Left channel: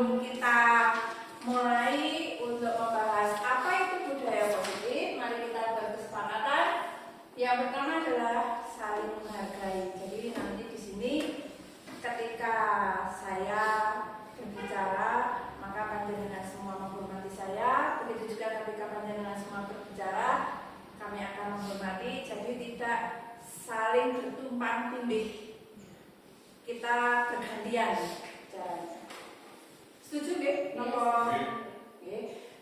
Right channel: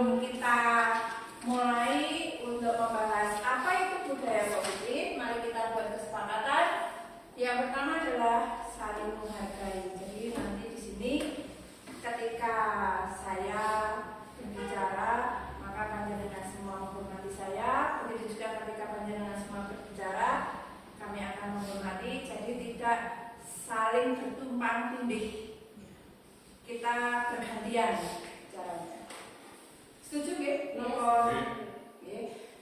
sebelum kita mulai untuk membahas apa itu budaya positif, mari kita berkesepakatan. Yang pertama adalah saling menghargai. Jadi nanti di sini ketika saya berbicara, maka panjenengan semua menghormati saya. Begitu juga ketika panjenengan semua berbicara, kami akan menghormati. Jadi tidak saling bertumpang tindih. Kita bergantian caranya. Setuju nggih?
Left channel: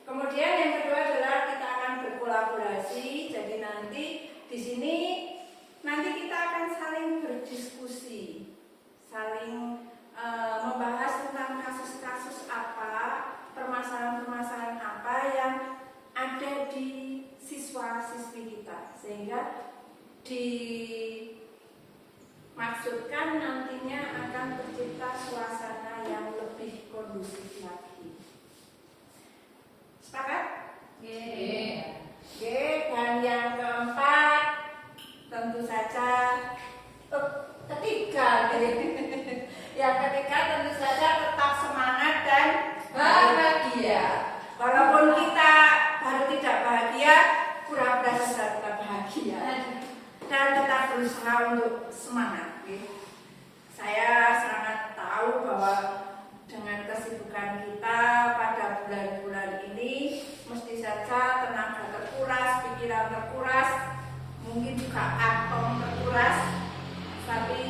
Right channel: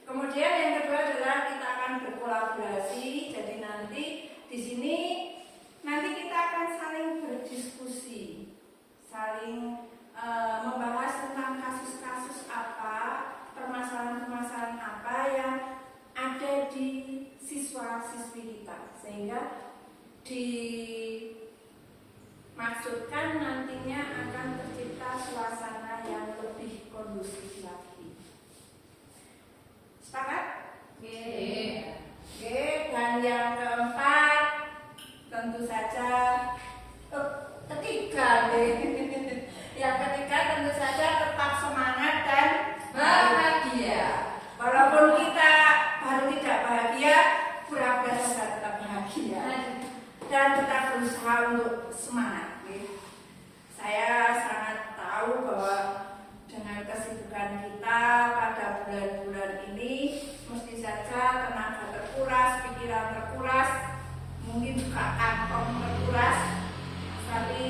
Kemudian yang kedua adalah kita akan berkolaborasi. Jadi nanti di sini kita akan saling berdiskusi, saling membahas tentang kasus-kasus apa, permasalahan-permasalahan apa yang ada di siswa-siswi kita, sehingga dimaksudkan nantinya akan tercipta suasana yang lebih kondusif lagi. Sepakat? Dan yang keempat, tentu saja ketiga, yang ketiga tentu saja tetap semangat dan bahagia. Walaupun kita baru tidak bahagia, pura-pura saja tetap bahagia dan tetap berusaha untuk semangat. Saya sangat tahu bahwa dengan kesibukan kita pada bulan-bulan ini, mesti saja tenaga terkuras, pikiran terkuras, mungkin juga kantong terkuras, tapi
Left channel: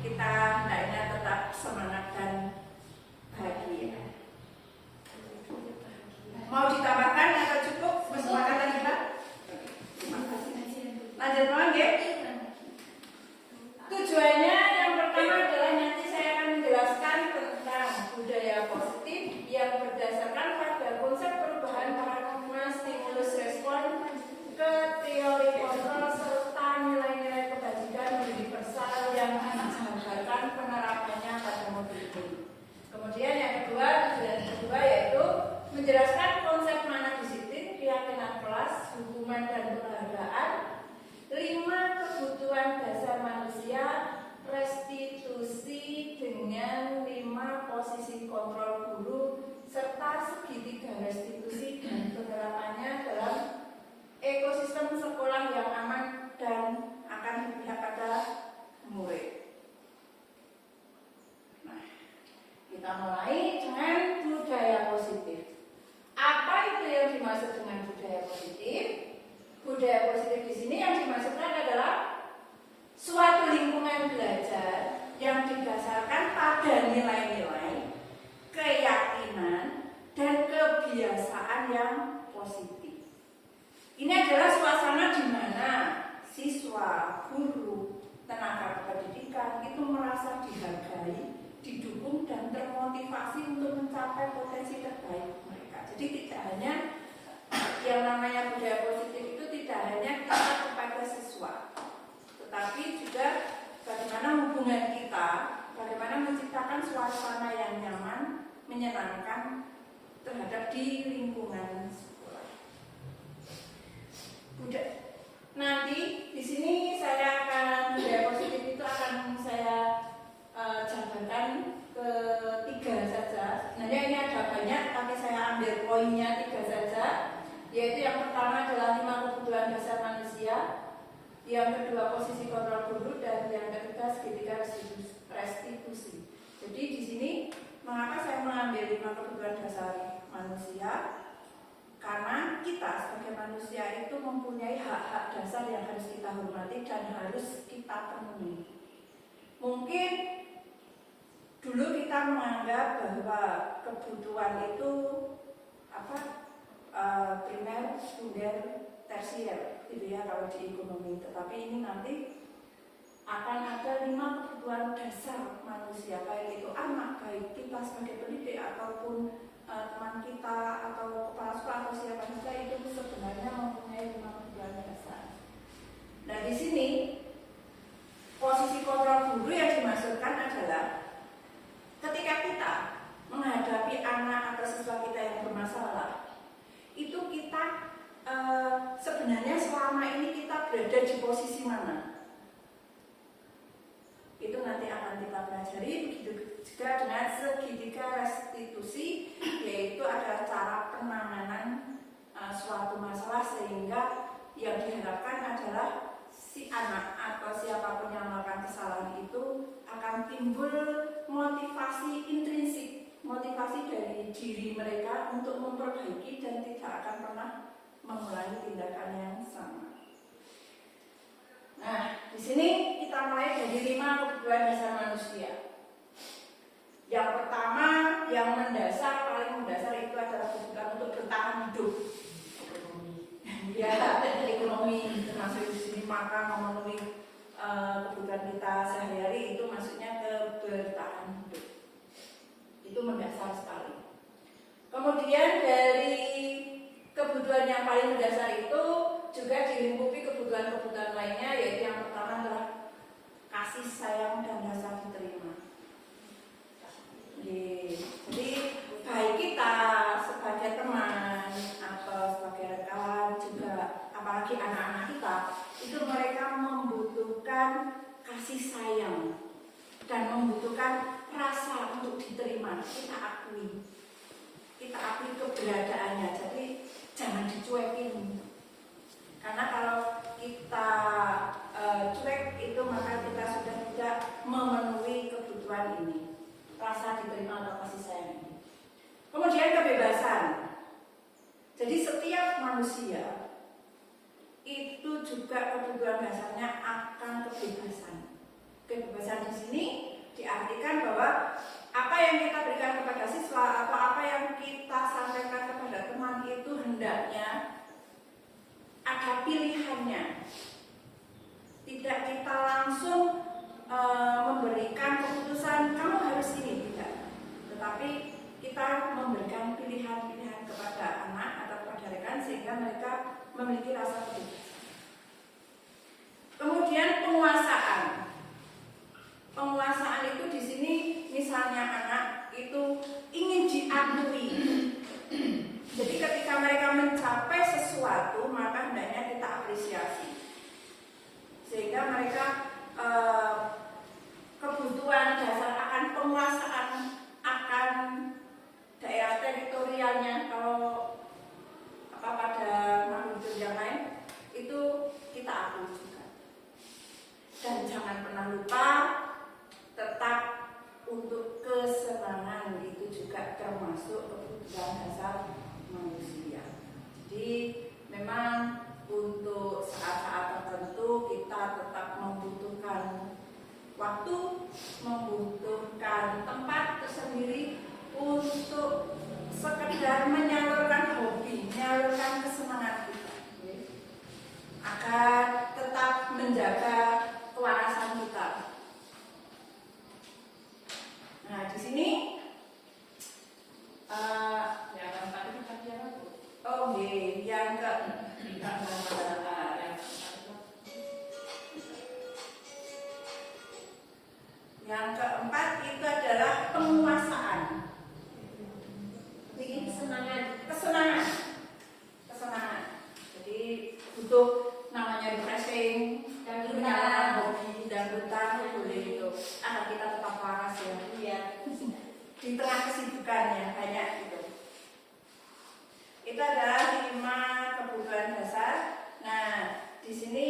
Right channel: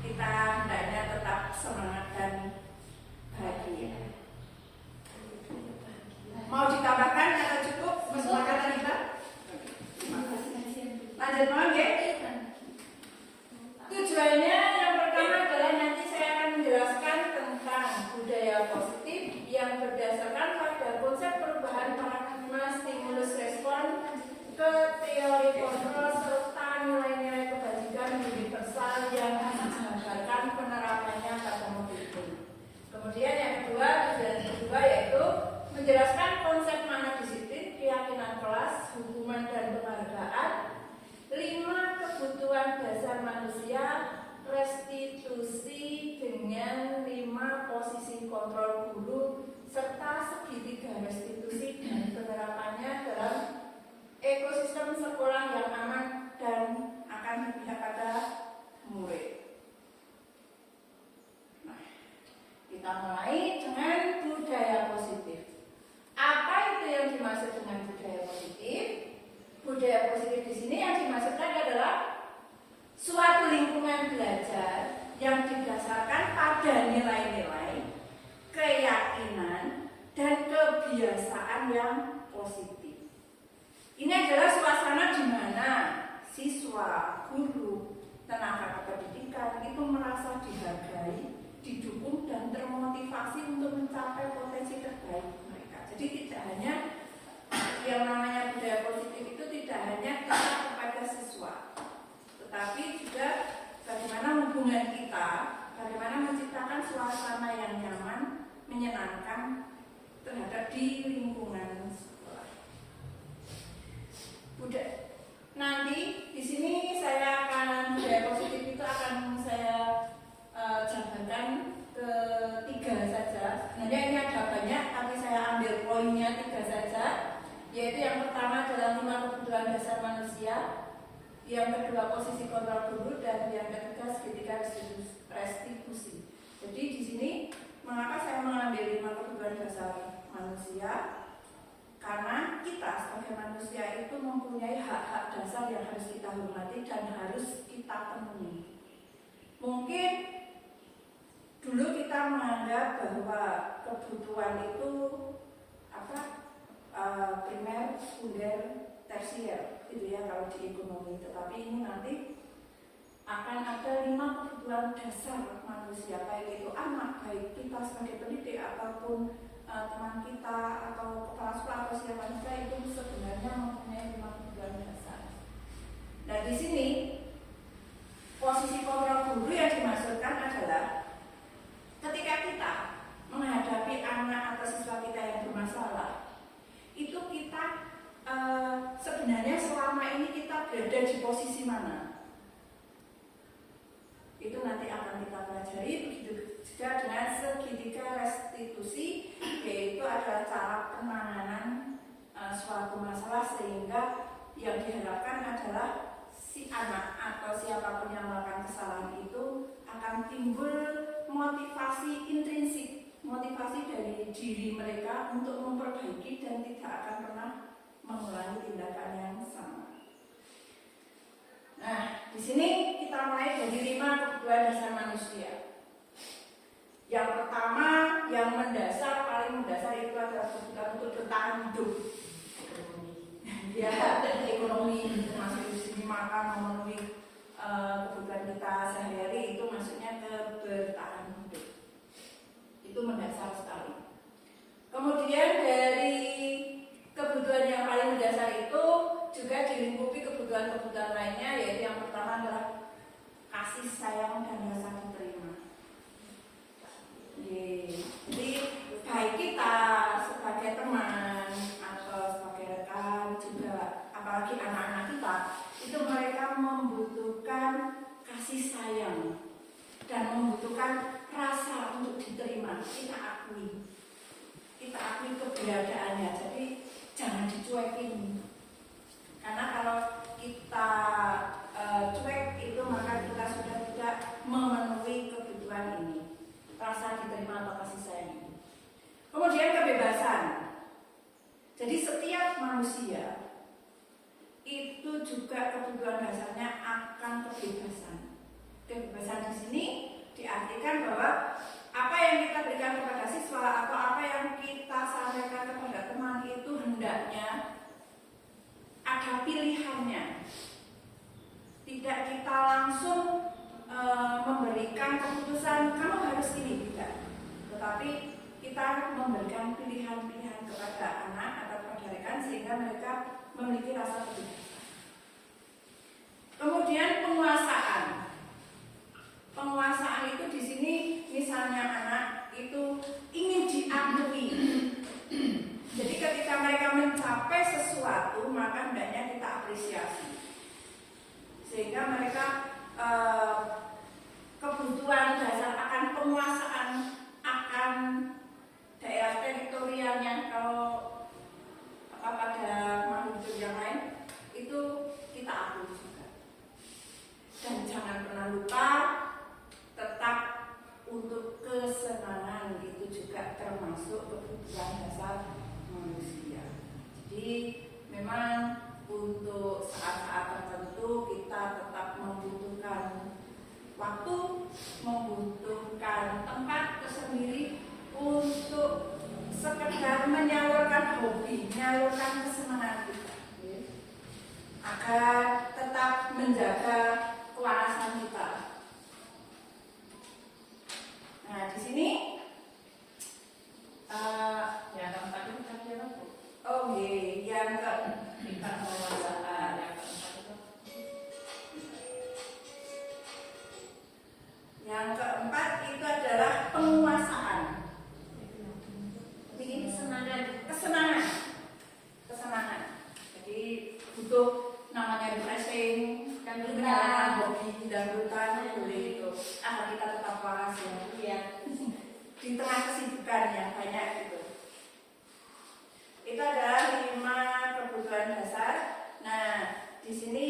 kita hendaknya tetap semangat dan bahagia. Mau ditambahkan atau cukup kesepakatan kita? Lanjut lagi. Tujuannya yang pertama adalah nanti saya akan menjelaskan tentang budaya positif yang berdasarkan pada konsep perubahan paradigma stimulus respon ke teori kontrol serta nilai-nilai kebajikan universal yang dijabarkan penerapannya pada modul ini. Kemudian yang kedua, tujuan kedua yaitu menjelaskan konsep mana disiplin, keyakinan kelas, hukuman dan penghargaan, 5 kebutuhan dasar manusia, restitusi dengan 5 posisi kontrol guru, serta segitiga restitusi dan penerapannya dalam ekosistem sekolah yang aman dan akan berpihak pada murid. Nah, kita mulai dengan budaya positif. Apa itu yang dimaksud dengan budaya positif? Budaya positif di sini yang dimaksudkan adalah suatu lingkungan belajar yang didasarkan pada nilai-nilai, keyakinan, dan kebiasaan yang positif. Ini adalah suasana di mana siswa, guru, tenaga pendidikan itu merasa dihargai, didukung, dan termotivasi untuk mencapai potensi terbaik mereka. Jadi tidak hanya yang namanya budaya positif itu tidak hanya kita kepada siswa, tetapi juga bagaimana hubungan kita, bagaimana menciptakan suasana yang nyaman, menyenangkan terhadap di lingkungan sekolah. Nanti di sini saya akan budaya positif itu akan saya jabarkan ke 3 saja. Sebenarnya ini ada banyak, tapi saya ambil poinnya 3 saja. Yaitu yang pertama adalah 5 kebutuhan dasar manusia, yang kedua posisi kontrol guru, dan yang ketiga segitiga restitusi. Jadi di sini mengapa saya mengambil 5 kebutuhan dasar manusia? Karena kita sebagai manusia itu mempunyai hak-hak dasar yang harus kita hormati dan harus kita penuhi. Mungkin dulu kita menganggap bahwa kebutuhan itu primer, sekunder, tersier, gitu ya kalau di ekonomi. Tetapi ini nanti akan ada 5 kebutuhan dasar manusia, baik itu anak, baik kita sebagai pendidik ataupun teman kita atau kepala sekolah atau siapa saja, itu sebenarnya mempunyai 5 kebutuhan dasar. Nah di sini posisi kontrol guru yang dimaksudkan adalah ketika kita menghadapi anak atau siswa kita yang bermasalah, itu kita sebenarnya selama ini kita berada di posisi mana? Itu nanti akan kita pelajari. Begitu juga dengan segitiga restitusi, yaitu adalah cara penanganan suatu masalah sehingga yang diharapkan adalah si anak atau siapapun yang melakukan kesalahan itu akan timbul motivasi intrinsik, motivasi dari diri mereka untuk memperbaiki dan tidak akan pernah mengulangi tindakan yang sama. Nah, di sini kita mulai dari 5 kebutuhan dasar manusia. Yang pertama, yang mendasar, paling mendasar itu adalah kebutuhan untuk bertahan hidup. Ya, ekonomi termasuk di sini makan, memenuhi kebutuhan kita sehari-hari, itu maksudnya ke bertahan hidup. Itu mendasar sekali. Kemudian dari kebutuhan yang paling mendasar itu juga dilingkupi kebutuhan-kebutuhan lainnya, yaitu yang pertama adalah kasih sayang dan rasa diterima. Jadi baik kita sebagai teman atau sebagai rekan juga, apalagi anak-anak kita, itu mereka membutuhkan kasih sayang dan membutuhkan rasa untuk diterima. Kita akui keberadaannya. Jadi jangan dicuekin. Karena kalau kita cuek itu maka kita sudah tidak memenuhi kebutuhan ini, rasa diterima atau kasih sayang ini. Kemudian kebebasan. Jadi setiap manusia itu juga kebutuhan dasarnya akan kebebasan. Kebebasan di sini diartikan bahwa apa yang kita berikan kepada siswa atau apa yang kita sampaikan kepada teman itu hendaknya ada pilihannya. Tidak kita langsung memberikan keputusan kamu harus ini, tidak. Tetapi kita memberikan pilihan-pilihan kepada anak atau kepada rekan sehingga mereka memiliki rasa kebebasan. Kemudian penguasaan. Penguasaan itu di sini misalnya anak itu ingin diakui. Jadi ketika mereka mencapai sesuatu maka hendaknya kita apresiasi. Sehingga mereka kebutuhan dasar akan penguasaan akan daerah teritorialnya kalau pada makhluk hidup yang lain itu kita akui juga. Dan jangan pernah lupa tetap untuk kesenangan itu juga termasuk kebutuhan dasar manusia. Jadi memang untuk saat-saat tertentu kita tetap membutuhkan waktu, membutuhkan tempat tersendiri untuk sekedar menyalurkan hobi, menyalurkan kesenangan kita, agar tetap menjaga kewarasan kita. Nah, di sini yang keempat itu tadi apa? Oh, yang keempat itu adalah penguasaan. Ini kesenangan. Jadi butuh namanya refreshing dan menyalakan hobi dan bertahan boleh itu agar kita tetap waras ya. Iya. Di tengah kesibukan yang banyak gitu. Itu adalah 5 kebutuhan dasar. Nah, di sini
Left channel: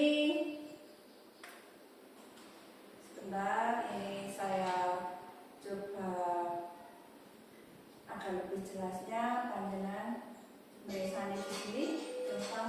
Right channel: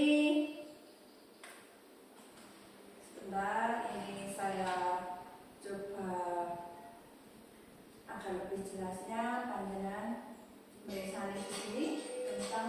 sebentar ini saya coba agar lebih jelasnya panjenengan menulisane di sini tentang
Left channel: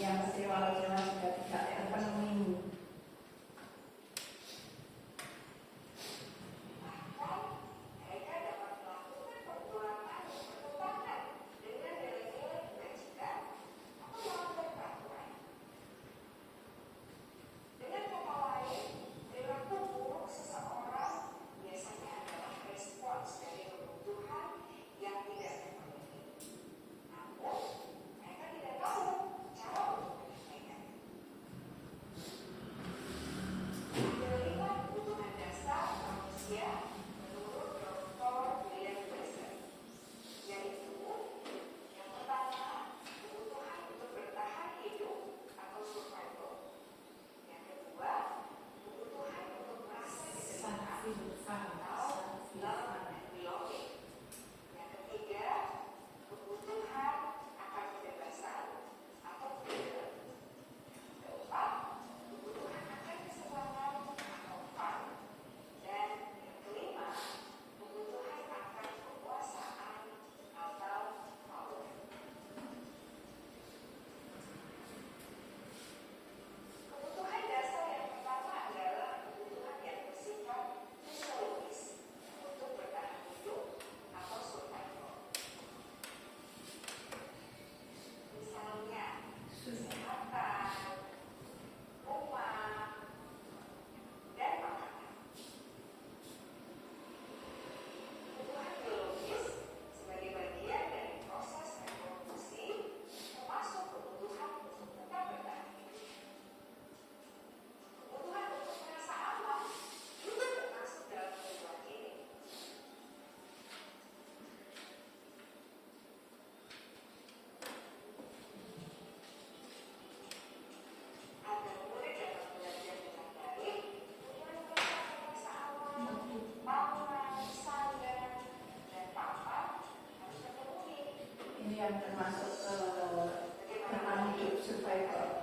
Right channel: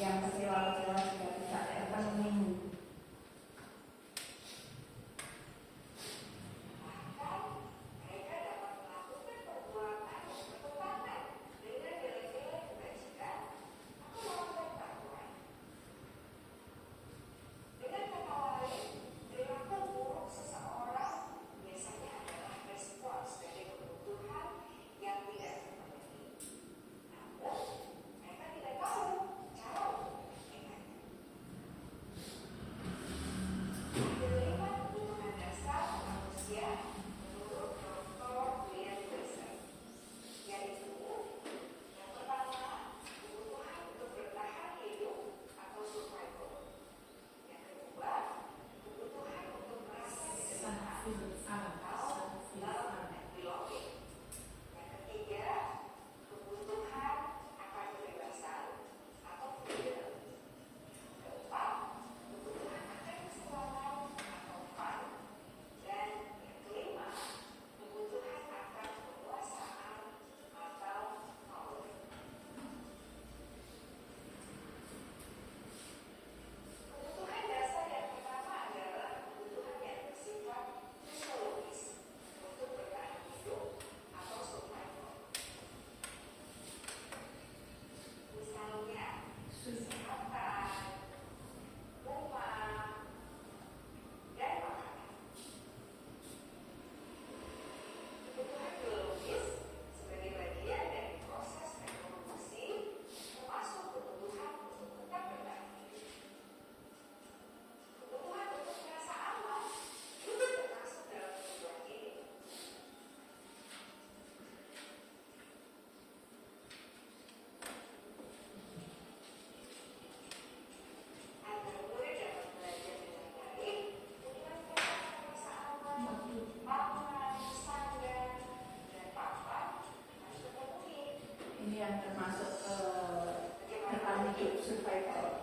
yang kecewa-kecewa juga tidak terpenuhi. Yang termasuk bertahan hidup survival.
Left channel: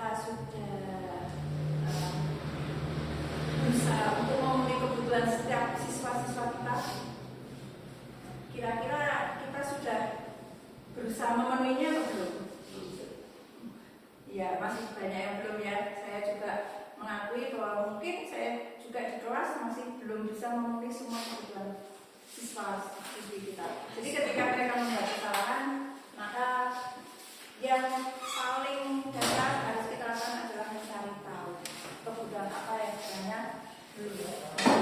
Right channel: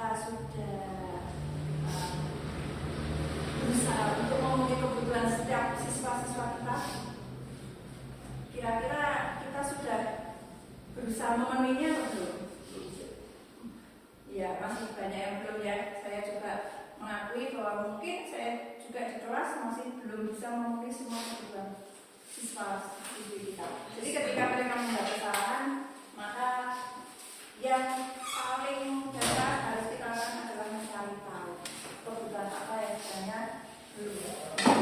kita sudah berusaha untuk memenuhi kebutuhan setiap siswa-siswa kita, kira-kira kita sudah berusaha memenuhinya atau belum? Ya, masih banyak yang belum ya. Saya juga mengakui bahwa mungkin saya juga di kelas masih belum bisa memenuhi semua kebutuhan siswa-siswi kita. Jadi ketika mereka membuat kesalahan, maka yang paling dasar harus kita lakukan adalah mencari tahu kebutuhan apa yang sebenarnya belum ada.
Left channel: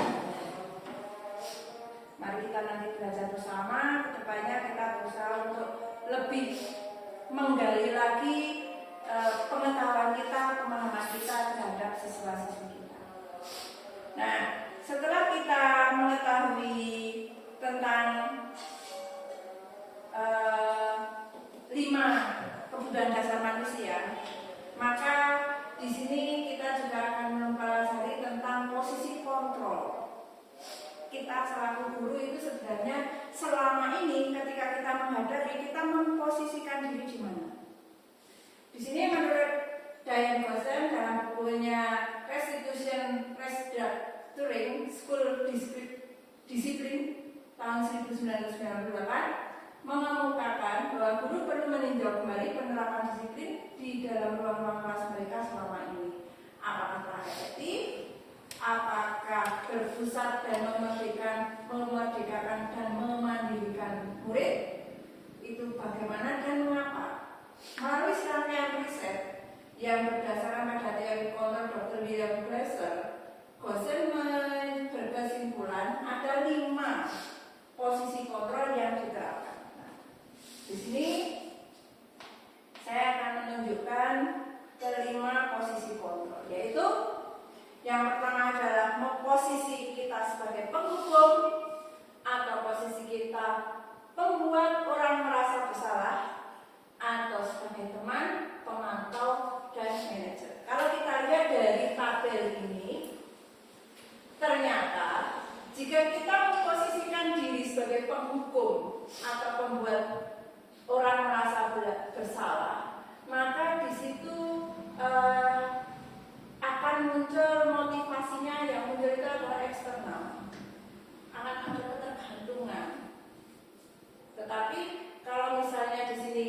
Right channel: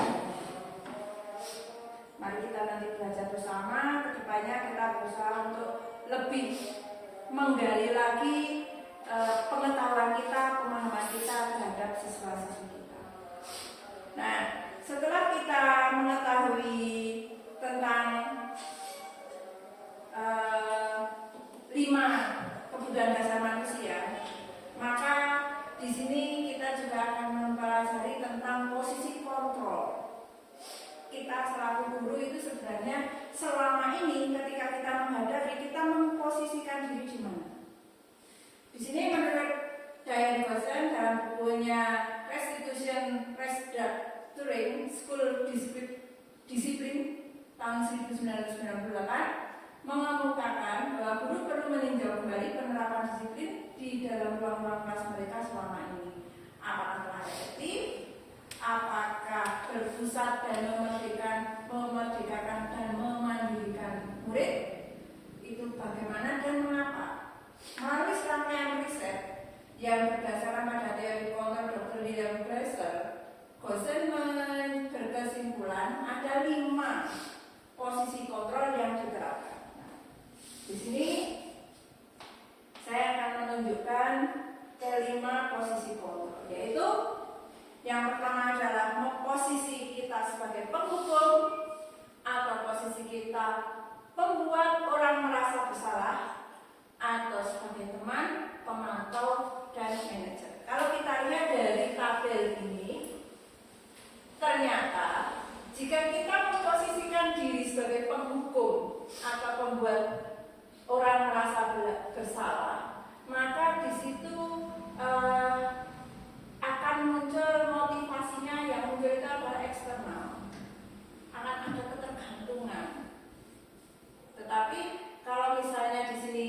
Mari kita nanti belajar bersama, kedepannya kita berusaha untuk lebih menggali lagi pengetahuan kita, pemahaman kita terhadap siswa-siswi kita. Nah, setelah kita mengetahui tentang 5 kebutuhan dasar manusia, maka di sini kita juga akan mempelajari tentang posisi kontrol. Kita selaku guru itu sebenarnya selama ini ketika kita menghadapi, kita memposisikan diri di mana? Di sini menurut Diane Gossen dalam bukunya Restitution Restructuring School Discipline tahun 1998 mengemukakan bahwa guru perlu meninjau kembali penerapan disiplin di dalam ruang-ruang kelas mereka selama ini. Apakah telah efektif? Apakah berpusat dan memerdekakan dan memandirikan murid? Itu bagaimana dan mengapa? Melalui serangkaian riset yang berdasarkan pada teori kontrol Dr. William Glasser, Gossen berkesimpulan ada 5 posisi kontrol yang diterapkan. Nah, di sini saya akan menunjukkan kelima posisi kontrol, yaitu yang pertama adalah posisi kita sebagai penghukum atau posisi kita pembuat orang merasa bersalah, atau sebagai teman, pemantau, dan manajer. Kalau kita lihat dari tabel ini, ternyata jika kita memposisikan diri sebagai penghukum atau pembuat orang merasa bersalah, maka di situ akan muncul motivasinya. Yang muncul itu adalah eksternal, akan ada ketergantungan. Tetapi kalau misalnya di sini,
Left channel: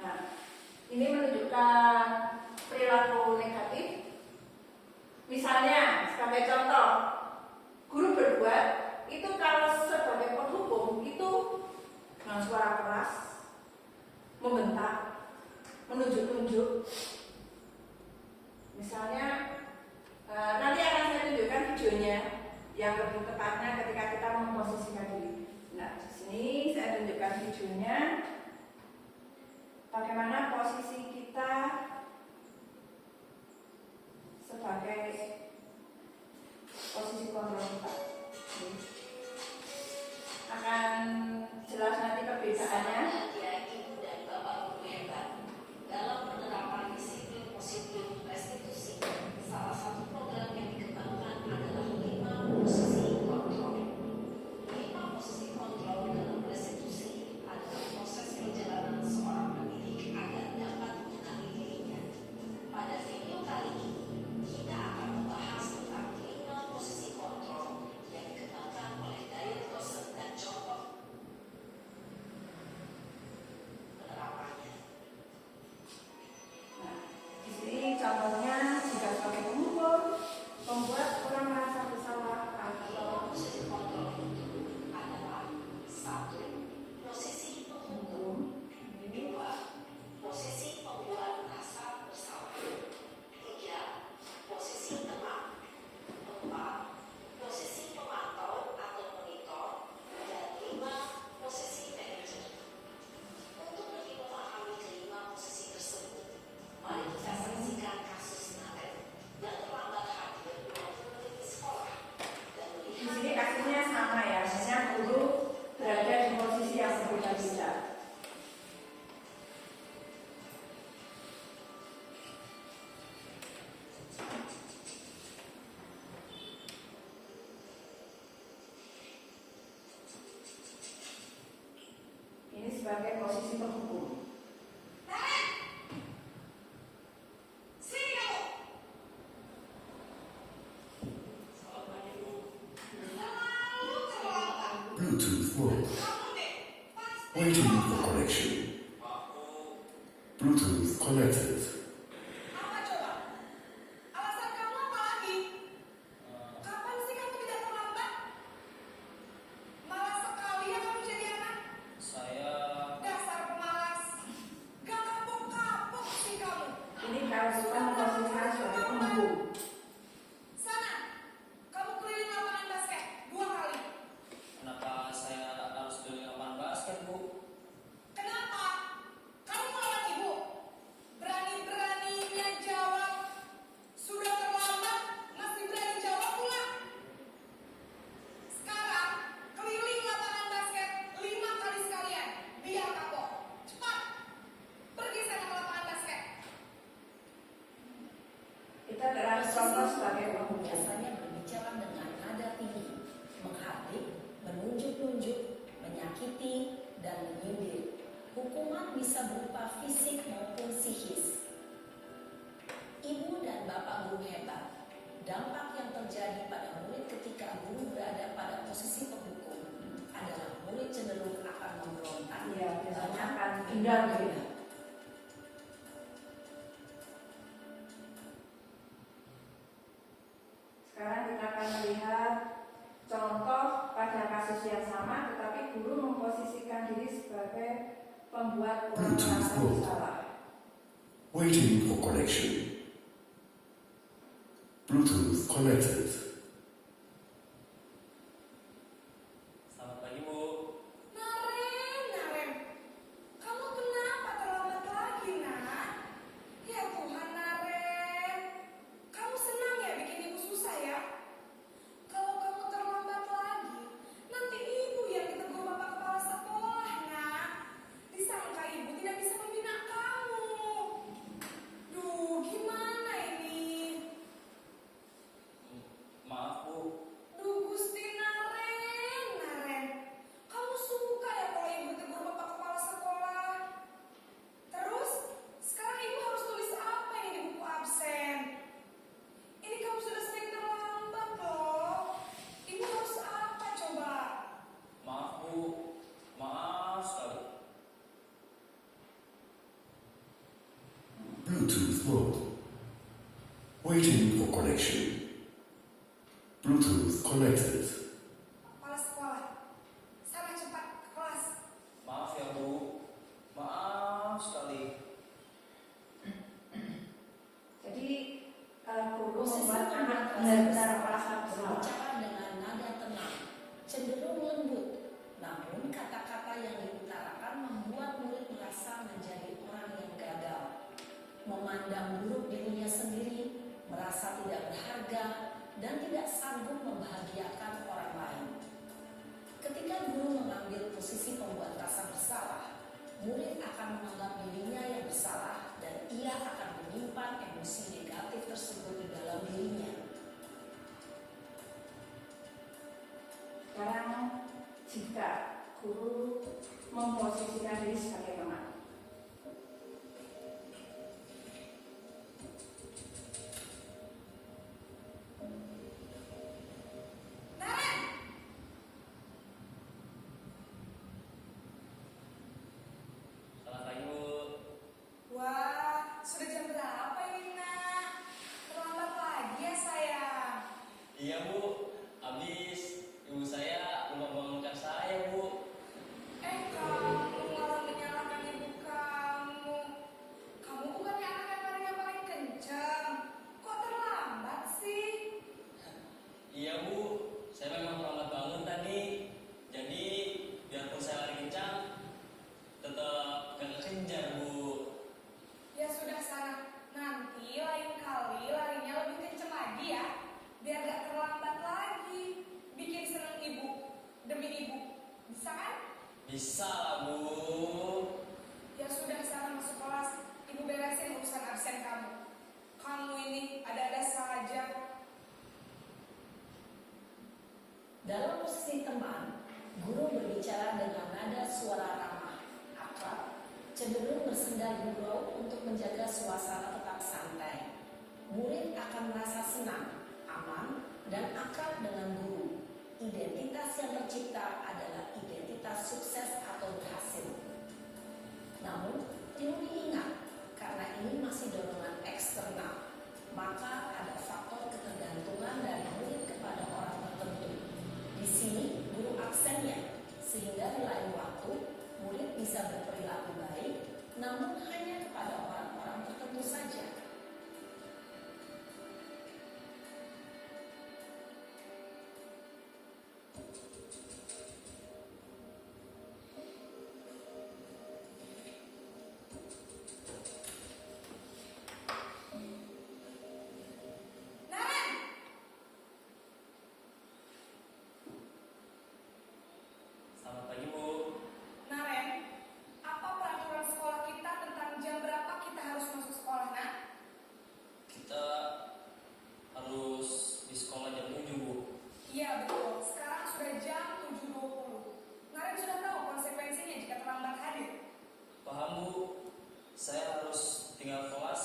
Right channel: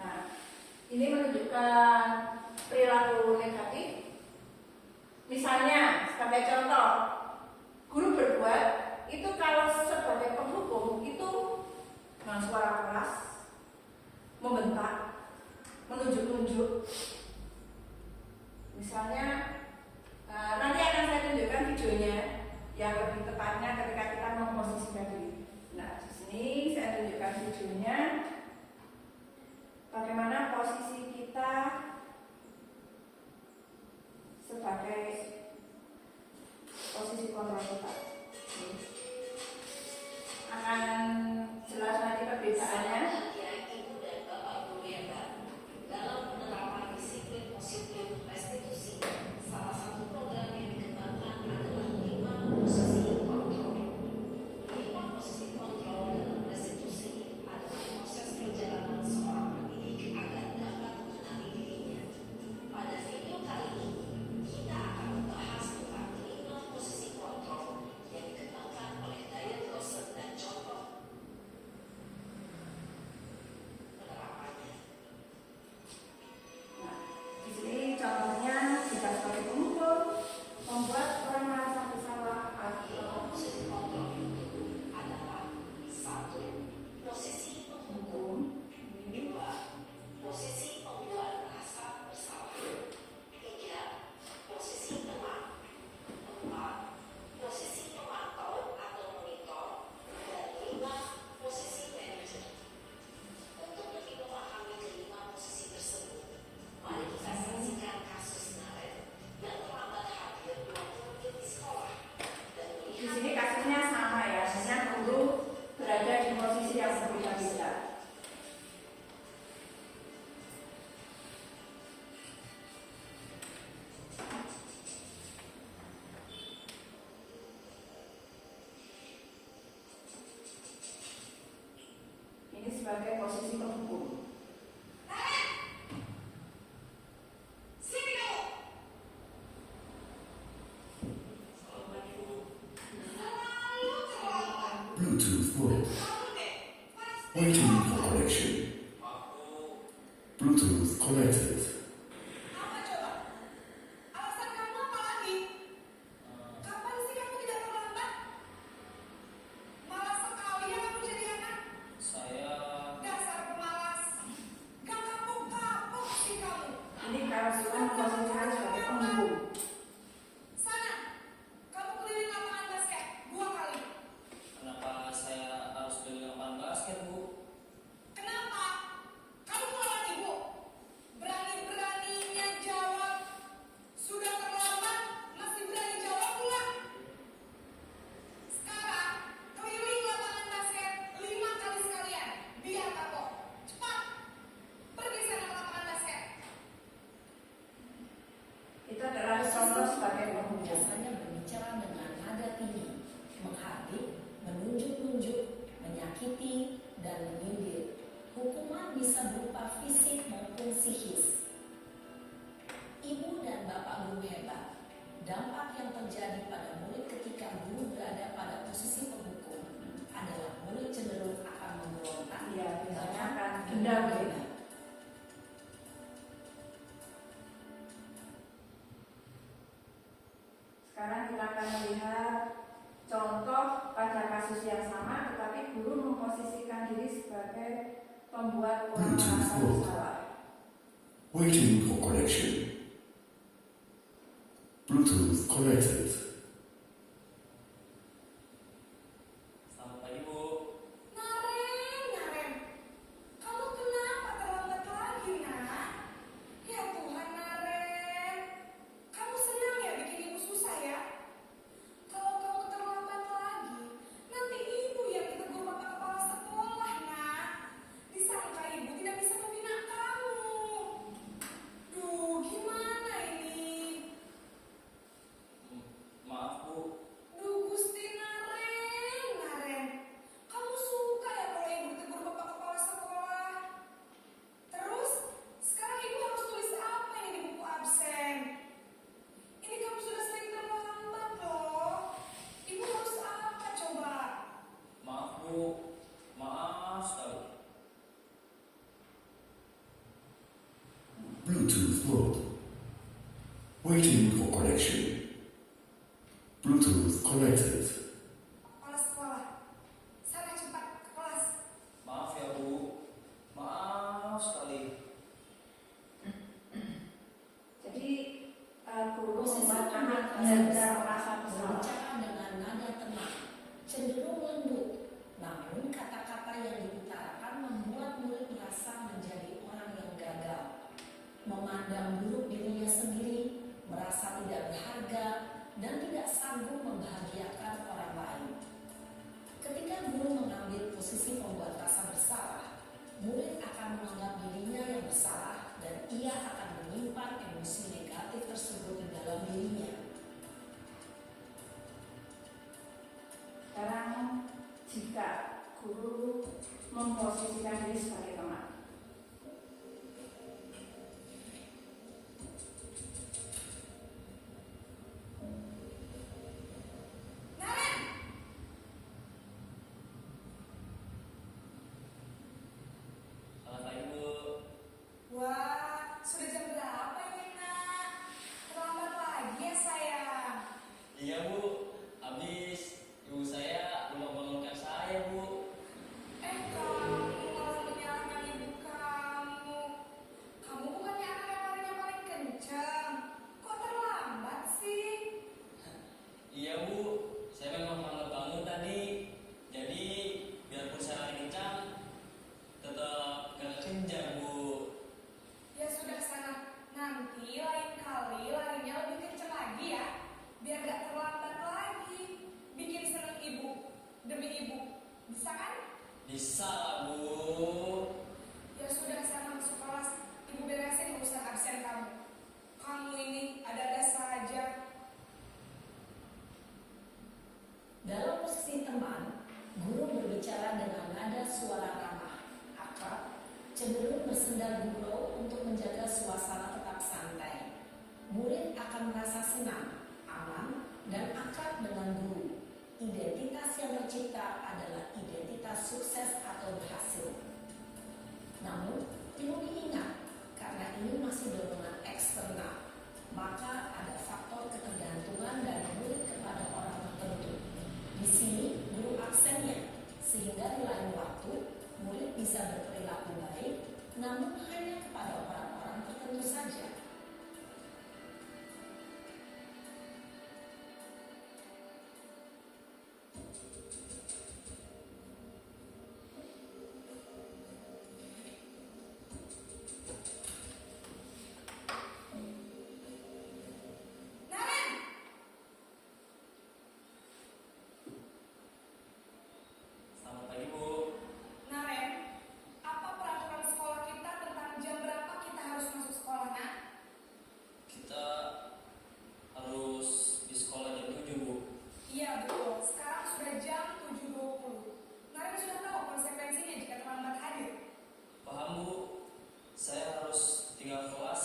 nah, ini menunjukkan perilaku negatif. Misalnya, sebagai contoh, guru berbuat itu kalau sebagai penghukum itu dengan suara keras, membentak, menunjuk-nunjuk. Misalnya, nanti akan saya tunjukkan videonya yang lebih tepatnya ketika kita memposisikan diri. Nah, di sini saya tunjukkan videonya. Bagaimana posisi kita sebagai posisi kontrol kita. Akan jelas nanti perbedaannya. Ibu dan Bapak Guru yang baru dalam penerapan disiplin positif restitusi, salah satu program yang dikembangkan adalah 5 posisi kontrol. 5 posisi kontrol dalam restitusi adalah proses perjalanan seorang pendidik agar dapat mengenali dirinya. Pada video kali ini, kita akan membahas tentang 5 posisi kontrol yang dikembangkan oleh Diane Gossen dan contoh penerapannya. Nah, di sini contohnya jika sebagai penghukum, membuat orang merasa bersalah atau Posisi kontrol itu adalah 1. Posisi penghukum, 2. Posisi pembuat rasa bersalah, 3. Posisi teman, 4. Posisi pemantau atau monitor, dan 5. Posisi manajer. Untuk lebih memahami kelima posisi tersebut, mari kita saksikan kasus Naret yang terlambat hadir 20 menit di sekolah dan di melihat sini kasusnya sama ya, hanya guru berada di posisi yang berbeda-beda. Ini sebagai posisi penghukum. Bluetooth connected. Apa coba? Alasan kamu apa lagi? Kapan sih kamu tidak terlambat? Malas sekali ya kamu jadi anak. Saya Dasar pemalas. Gak kapok-kapok sih kamu. Ini kalau sudah memposisikan sebagai pemburu. Sana, kamu keliling lapangan basket 2 kali. kenapa saya harus beli lapangan basket, Bu? Kenapa? Kamu anak ibu. Berani-beraninya jawab. Sudah terlambat, masih berani jawab pula. Sekarang, keliling lapangan basket 5 kali sekalian. Biar kapok. Cepat. Pergi sana ke lapangan basket. Kita telah contoh sebagai pemburu. Biasanya berbicara dengan nada tinggi, menghardik, menunjuk-nunjuk, menyakiti, dan menyindir. Hukuman bisa berupa fisik maupun psikis. Ibu dan bapak guru hebat. Dampak yang terjadi pada murid ketika guru berada pada posisi penghukum adalah murid cenderung akan memberontak, Iya, biasanya bahkan akan dendam ya. menghina. Sekarang kita akan melihat contoh pada kasus yang sama, tetapi guru memposisikan diri sebagai pembuat orang merasa bersalah. Waiting for connection. Bluetooth connected. Selamat pagi, Bu. Naren. Kamu kenapa terlambat lagi, nak? Ya Tuhan, Naren. Kamu senang ya bikin ibu susah ya? Kalau kamu terlambat lagi, nanti ibu yang ditegur bapak kepala sekolah, nak. Disangka ibu tidak bisa membina kamu. Duh, gimana ini? Maaf, Bu. Duh, Gusti Naren. Kamu suka ya kalau ibu tegur bapak kepala sekolah? Terus, sekarang ibu harus tulis apa ini di buku absen? Ini kamu sudah sering terlambat loh. Ibu harus apa coba? Maaf, Bu. Maaf sekali. Bluetooth mode. Waiting for connection. Bluetooth connected. Kepala sekolah. Sana cepat ke kelas. Maaf ya, Bu. Maaf sekali. Jadi guru Posisi membuat anak pembuat benar-benar merasa bersalah. berbicara dengan nada tenang, cenderung lembut, namun kata-kata yang diutarakan membuat murid merasa menjadi orang yang gagal, memandang buruk dirinya sendiri, merasa tidak berharga, dan tidak sanggup membahagiakan orang lain. Ketika guru mengambil posisi pembuat rasa bersalah, murid akan menganggap dirinya yang bersalah dan ia akan menyimpan emosi negatif tersebut di dalam dirinya. Sekarang jika guru memposisikan diri sebagai teman. Naren! Selamat pagi, Bu. Wah, sudah jam berapa ini, nak? Terlambat lagi ya, sayang. Iya, Bu. Habis ibu saya lupa bangunkan saya, Bu. Kamu malah menyalahkan ibu kamu. Kamu bukannya anak yang paling kencang. Kok terlambat sih? Iya, Bu. Saya memang terlambat bangun tadi. Jadi, biarpun saya lari kencang, tetap gak kencang, Bu. Ya sudah sana. Nanti lain kali larinya lebih kencang lagi ya. Biar gak terlambat lagi. Bikin seneng ibu. Demi ibu. Bisa kan? Bisa lah, Bu. Ya sudah sana masuk kelas. Ibu beresin urusan absen kamu. Kamu ini ada-ada saja. Dalam posisi teman, guru berbicara dengan nada suara ramah, akrab, cenderung bersendal gurau untuk menjaga suasana tetap santai. Murid akan merasa senang, aman, dan akrab dengan guru. Identitas yang tercipta adalah identitas sukses atau berhasil. Namun, perlu diingat, namun hanya kepada orang-orang tertentu saja. Naren, Selamat pagi Bu. Naren, apa peraturan sekolah kita tentang jam berapa kita harus masuk sekolah, Nak? Kita harus di sekolah jam 7 Bu. Iya betul, sekarang sudah jam 7.20. Naren sudah tahu konsekuensinya jika terlambat hadir. Paham Bu? Saya harus tinggal kelas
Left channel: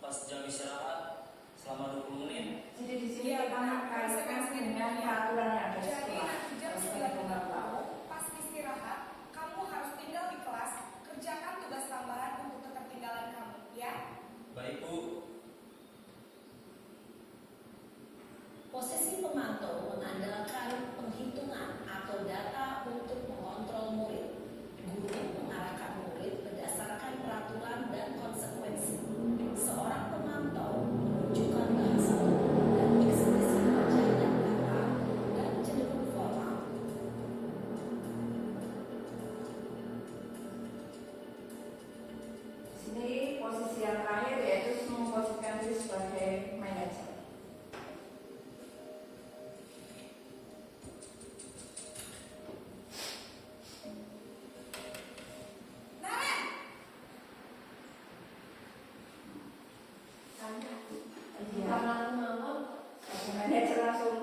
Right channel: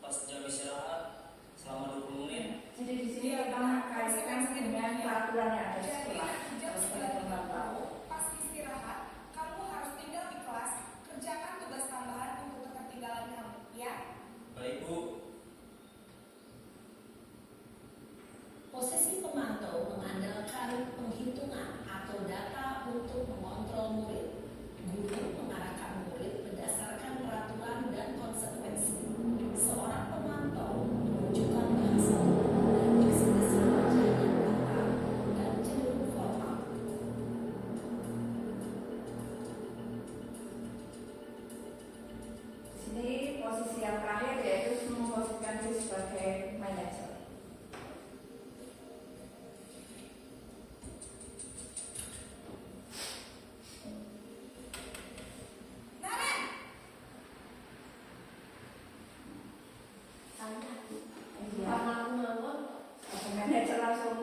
pas jam istirahat selama 20 menit. Jadi di sini kita kaitkan dengan peraturan yang ada di Jadi sekolah. nanti jam 9.30 pas istirahat, kamu harus tinggal di kelas, kerjakan tugas tambahan untuk ketertinggalan kamu, ya? Baik Bu. Posisi pemantau mengandalkan penghitungan atau data untuk mengontrol murid. Guru mengarahkan murid berdasarkan peraturan dan konsekuensi. Seorang pemantau menunjukkan bahasa dan ekspresi wajah dan kata dan cenderung formal. Di sini posisi yang terakhir yaitu memposisikan diri sebagai manajer. Naren, Iya. Sebagai manajer langsung.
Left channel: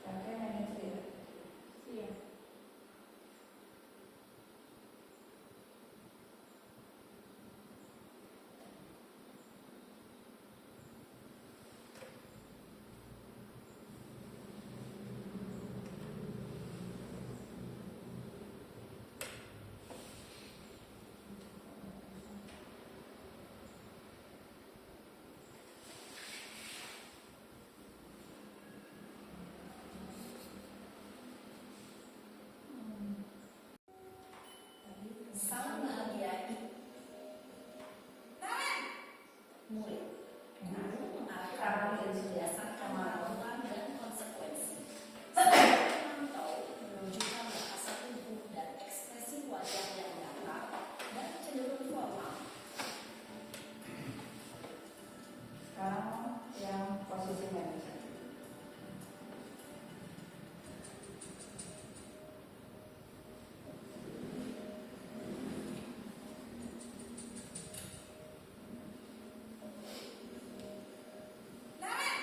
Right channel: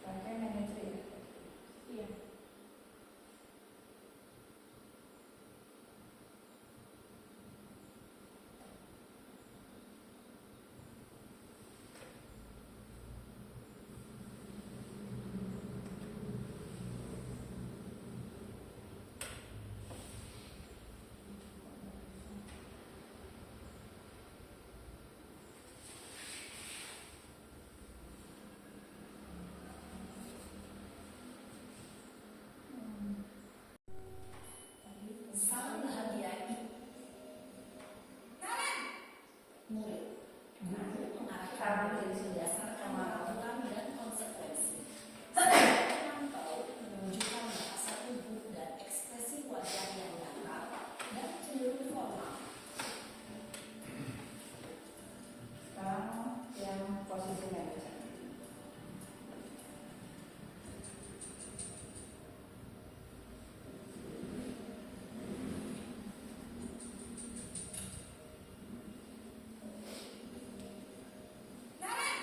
Sebagai manajer ya. Iya. Salam bahagia Naren, murid. Guru mengarahkan murid berdasarkan peraturan dan konsekuensi. Seorang pemantau menunjukkan bahasa tubuh dan ekspresi wajah yang datar dan cenderung formal. Sekarang yang posisi manajer. Naren,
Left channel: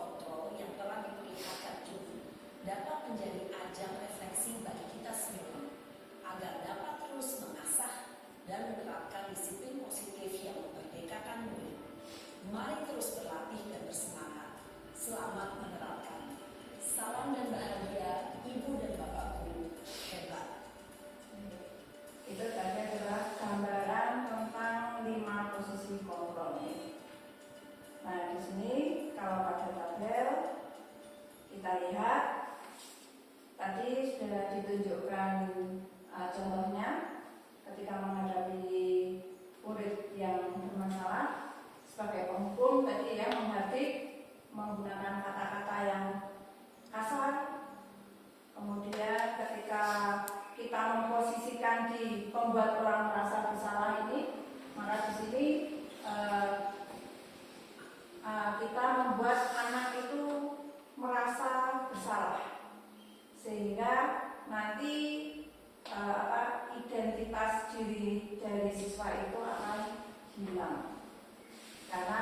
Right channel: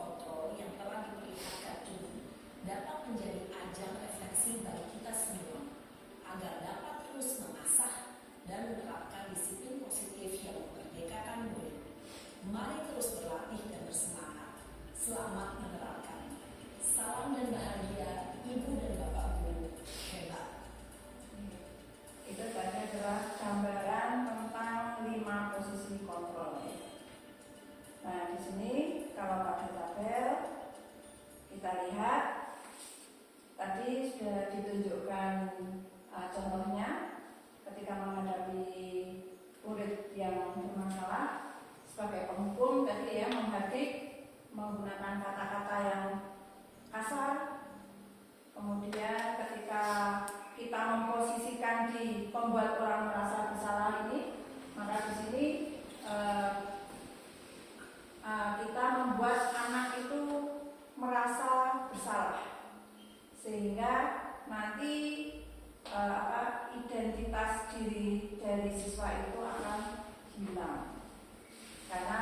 kontrol yang telah diperlihatkan dulu dapat menjadi ajang refleksi bagi kita semua agar dapat terus mengasah dan menerapkan disiplin positif yang memerdekakan murid. Mari terus berlatih dan bersemangat. Selamat menerapkan. Salam dan bahagia, Ibu dan Bapak Guru hebat. Itu tadi adalah gambaran tentang 5 posisi kontrol. Nah, di sini kalau pada tabel kita lihat tadi sudah ditunjukkan contohnya ketika menghadapi murid yang bermasalah sebagai penghukum tadi ya, menghardik menggunakan kata-kata yang kasar. Kemudian ketika kita memposisikan di pembuat orang merasa bersalah ini, maka di sini kita membuat anak itu merasa bersalah sehingga nanti identitas diri dari siswa itu akan hilang karena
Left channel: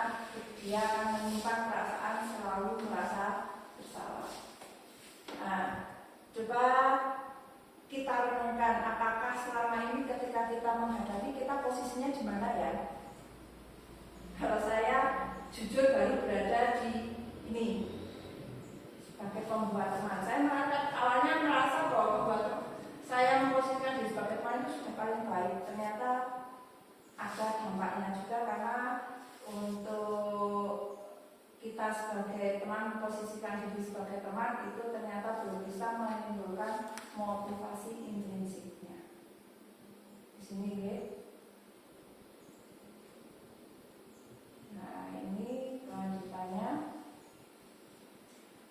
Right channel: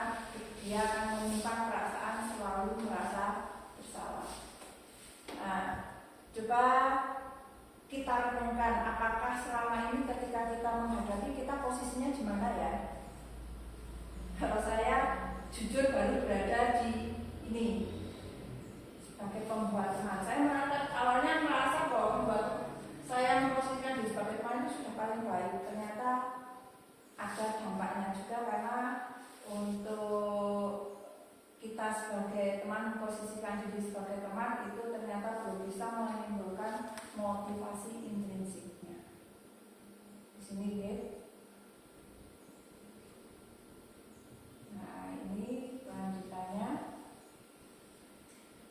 dia akan menyimpan perasaan selalu merasa bersalah. Nah, coba kita renungkan apakah selama ini ketika kita menghadapi kita posisinya di mana ya? Kalau saya jujur baru berada di ini sebagai pembuat teman. Saya awalnya merasa bahwa pembuat saya memposisikan diri sebagai teman itu sudah paling baik. Ternyata ada dampaknya juga karena untuk kita sebagai teman memposisikan diri sebagai teman itu ternyata belum bisa menimbulkan motivasi intrinsiknya. Di sini ya. Nah, ini lanjutannya.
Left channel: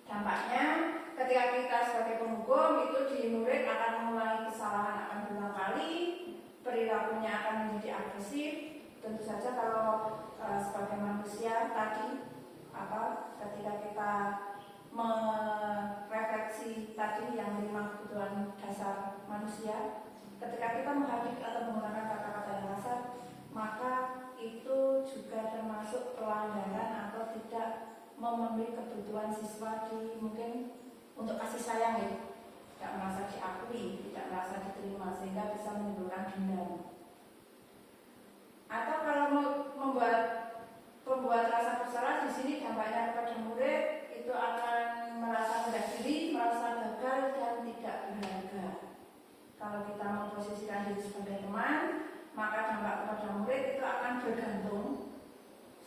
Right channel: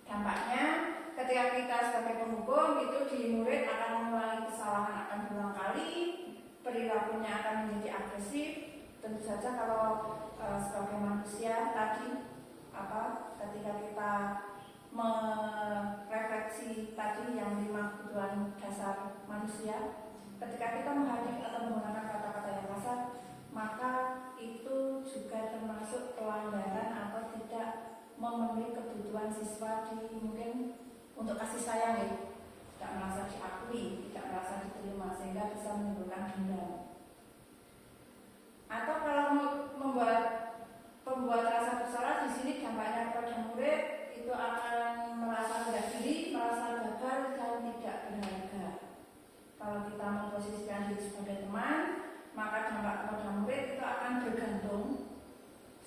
Dampaknya ketika kita sebagai penghukum itu di murid akan mengulangi kesalahan akan berulang kali, perilakunya akan menjadi agresif. Tentu saja kalau sebagai manusia tadi ketika kita merefleksi tadi yang 5 kebutuhan dasar manusia, ketika kita menghardik atau menggunakan kata-kata yang kasar, maka itu juga termasuk pelanggaran atau tidak memenuhi kebutuhan siswa di mungkin untuk kasih sayang ya, tidak merasa diakui, tidak merasa diterima sehingga bisa menimbulkan dendam. Atau kalau membuat rasa bersalah di sini dampaknya kepada murid itu akan merasa rendah diri, merasa gagal dan tidak berharga. Kalau kita memposisikan diri sebagai teman, maka dampak kepada murid itu akan bergantung.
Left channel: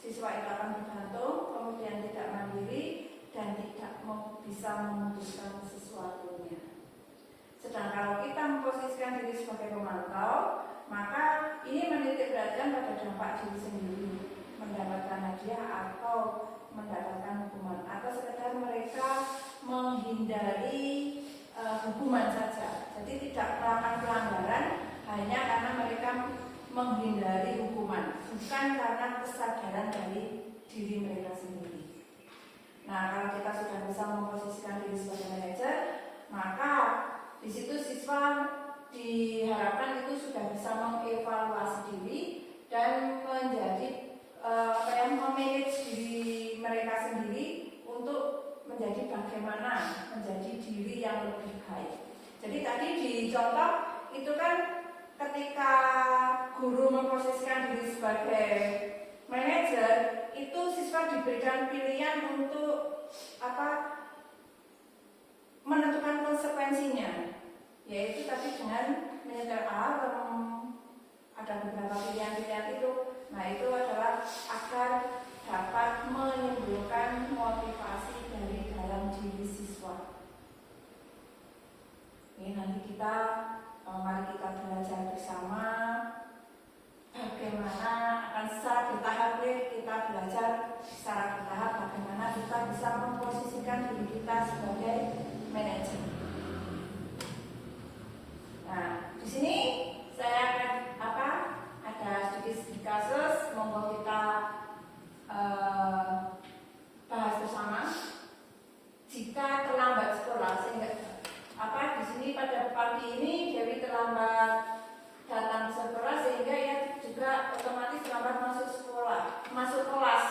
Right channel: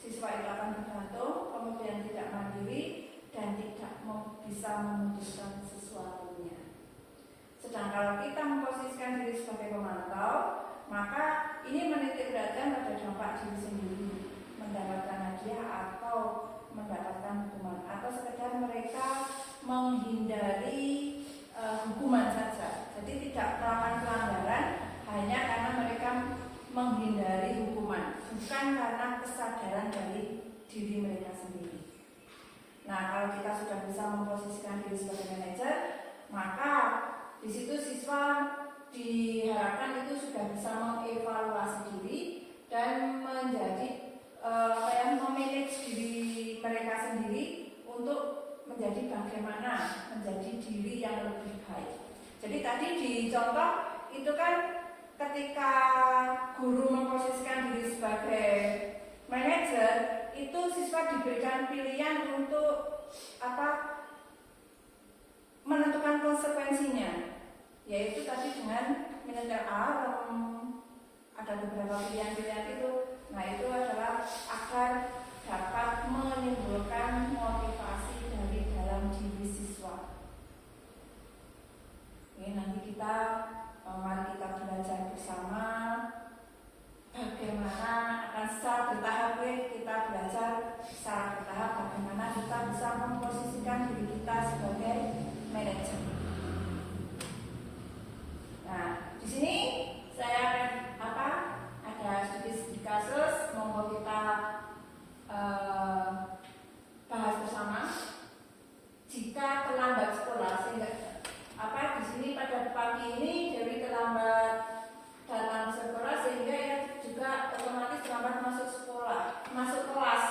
Siswa itu akan bergantung, kemudian tidak mandiri dan tidak bisa memutuskan sesuatunya. Sedang kalau kita memposisikan diri sebagai pemantau, maka ini menitik beratkan pada dampak diri sendiri, mendapatkan hadiah atau mendapatkan hukuman, atau sekedar mereka menghindari hukuman saja. Jadi tidak melakukan pelanggaran hanya karena mereka menghindari hukuman, bukan karena kesadaran dari diri mereka sendiri. Nah, kalau kita sudah bisa memposisikan diri sebagai manajer, maka di situ siswa diharapkan itu sudah bisa mengevaluasi diri dan menjadi memanage diri mereka sendiri untuk menjadi bagaimana menjadi diri yang lebih baik. Jadi tadi di contoh itu kan ketika guru memposisikan diri sebagai manajer, itu siswa diberikan pilihan untuk menentukan konsekuensinya, yaitu tadi dengan menyetel alarm. Ada beberapa pilihan-pilihan itu. Nah, itu adalah agar dapat menimbulkan motivasi dari dalam diri siswa. Ini nanti mari kita belajar bersama bagaimana akan secara bertahap kita belajar secara bertahap bagaimana kita bisa memposisikan diri kita sebagai manajer. Nah, di sini saya akan ada sedikit kasus, monggo kita bahas bersama. Jika terlambat sekolah, sehingga di sini pada pagi ini Dewi terlambat datang ke sekolah sehingga ia juga otomatis terlambat masuk kelas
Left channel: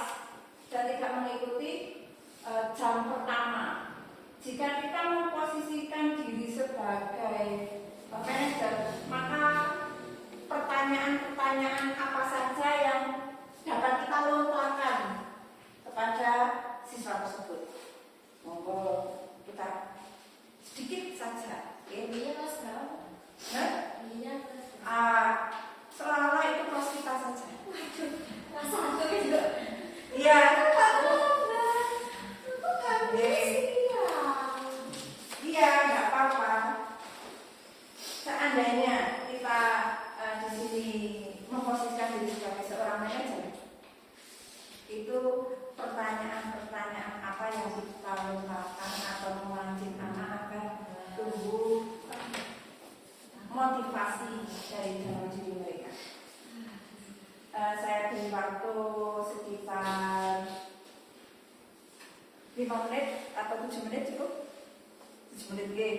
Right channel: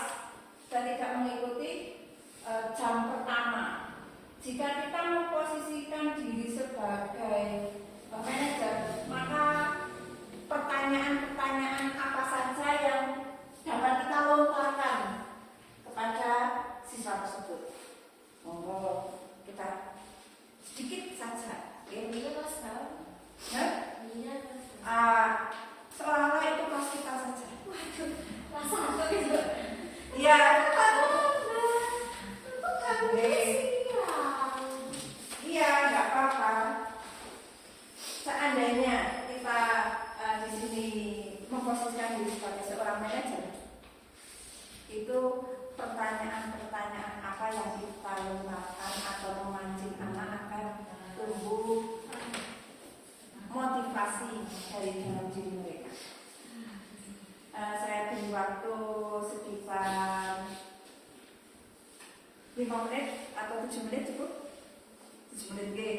dan tidak mengikuti jam pertama. Jika kita memposisikan diri sebagai manajer, maka pertanyaan-pertanyaan apa saja yang dapat kita lontarkan kepada siswa tersebut. Monggo kita sedikit saja. Iya Mas, sekarang. Nah, Iya. seolah-olah itu kelas kita saja. Waduh, masa aku itu? Iya. Iya, nggak apa-apa. Seandainya kita di sini memposisikan diri sebagai seorang manajer, itu pertanyaan-pertanyaan apa yang kita lontarkan atau memancing anak-anak tumbuh motivasi dari dalam diri mereka. Saya beri waktu sekitar 5 menit atau 7 menit cukup? 7 menit ke?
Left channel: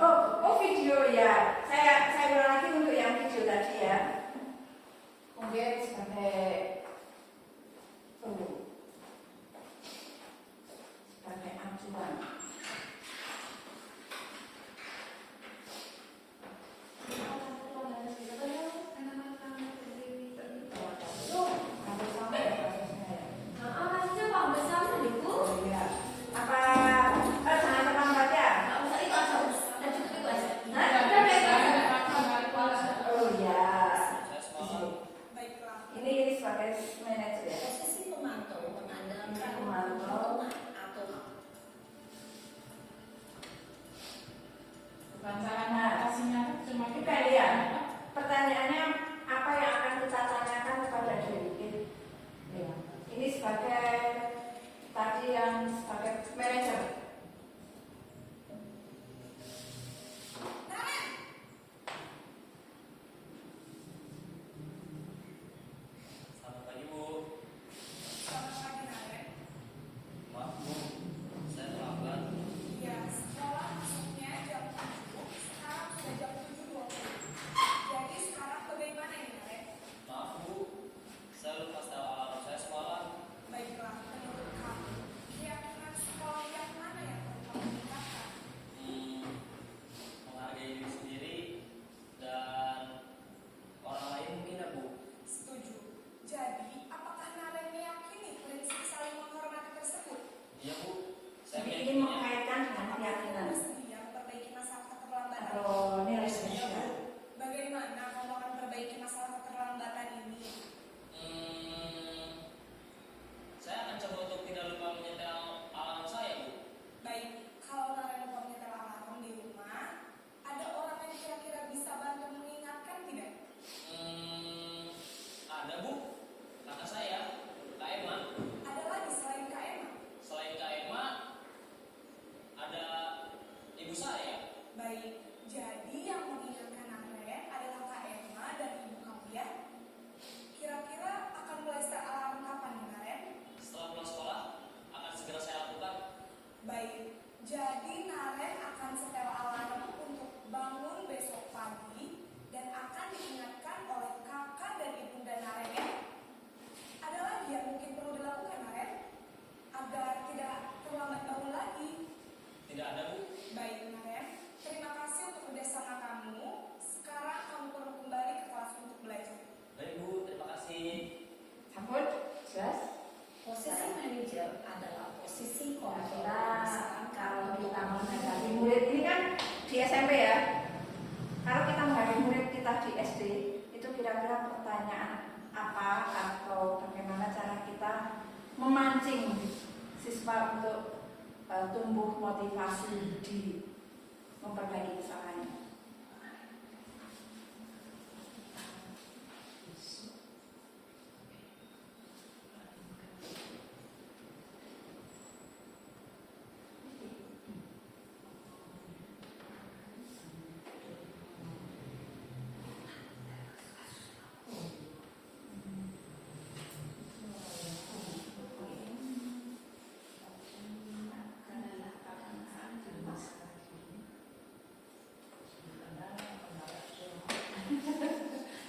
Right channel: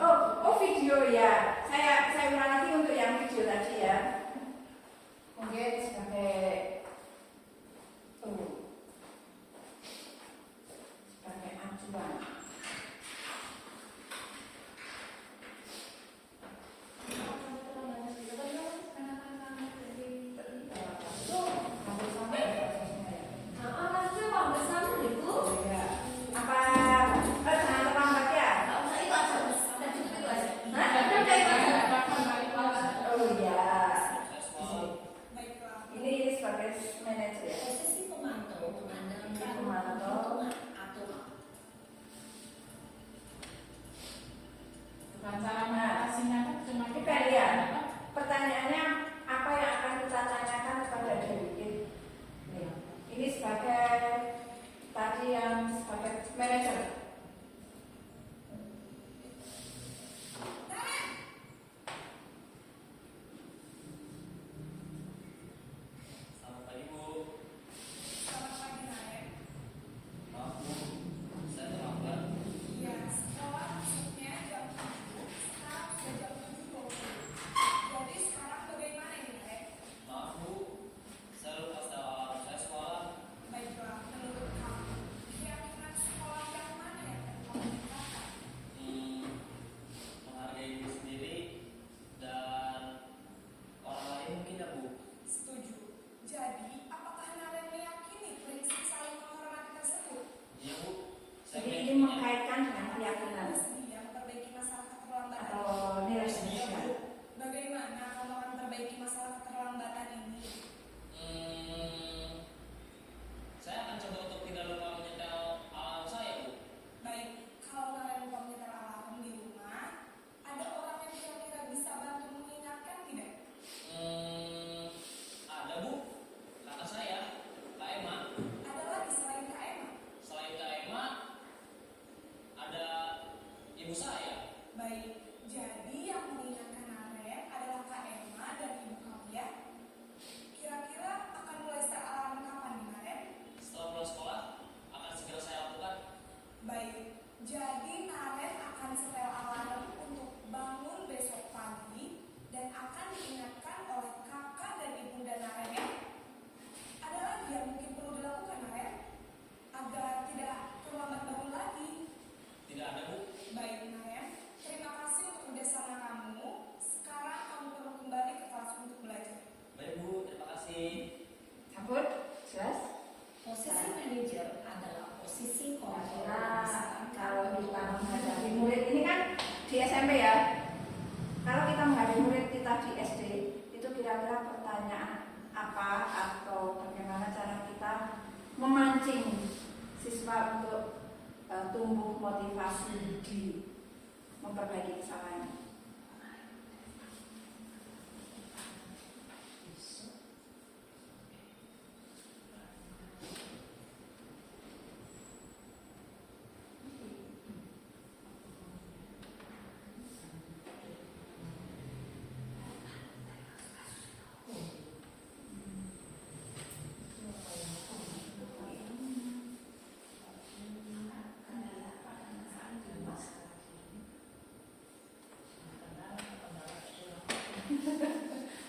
Oh video ya. Saya ulang lagi untuk yang video tadi ya. Mungkin sebagai acuan. Pertanyaannya apa yang akan kita tanyakan kepada diri kita? Ini sebagai tadi yang sebagai manajer. Selamat pagi Bu. Selamat pagi, Naren. Maaf Bu, saya terlambat. Ya, sekolah masuknya jam 7, sekarang sudah jam 7.20. Jadi sekarang bagaimana ini, Naren? Maaf Bu, saya lupa tahu alamat saya semalam. Baiklah, menurut kamu, kira-kira sekolah yang mana yang perlu kamu tingkatkan? Menghargai diri sendiri dan orang lain mungkin ya Bu. Setuju. Jadi, apakah Naren meyakini prinsip saling menghormati tersebut? Iya Bu, saya Jadi ini meyakininya. mengkaitkan dengan keyakinan Bersedia memperbaiki masalah keterlambatan? atau nilai Iya sosial. Bu. Bagaimana kamu akan memperbaiki masalah keterlambatan ini? Saya akan coba untuk tidak lupa menyetel alarm saya Bu. Baik, kalau Naren lupa menyetel alarm di rumah, ada orang yang kira-kira bisa bantu mengingatkan tidak? Ada Bu, kakak saya, Kak Emma. Ada lagi selain Kak Emma? Selain Kak Emma, ada ibu saya. Baik, jadi yang mengingatkan Naren adalah Kak Emma dan ibu kamu ya? Kira-kira akan mulai set alarm kapan nih, Naren? Setelah pulang sekolah, akan segera saya lakukan. Baik, jadi Naren akan setel alarm untuk bangun besok pagi dan akan diingatkan oleh kakak dan ibunda Naren ya. Ada lagi yang mungkin perlu dilakukan Naren agar tidak terlambat bangun lagi. Tidak ada Bu. Baik Naren, terima kasih untuk kerjasama kamu. Sekarang kamu perlu kembali ke kelas untuk belajar. Baik Bu, terima kasih. Sambut, jelas? Posisi manajer adalah posisi Nah, kontrol. kita kalau kita menghadapi murid ini kan di SMP ya. Kalau kita menghadapi murid kita di SD, itu kira-kira pertanyaan apa atau bagaimana cara kita memancing siswa untuk tumbuh motivasi diri memperbaiki kesalahannya.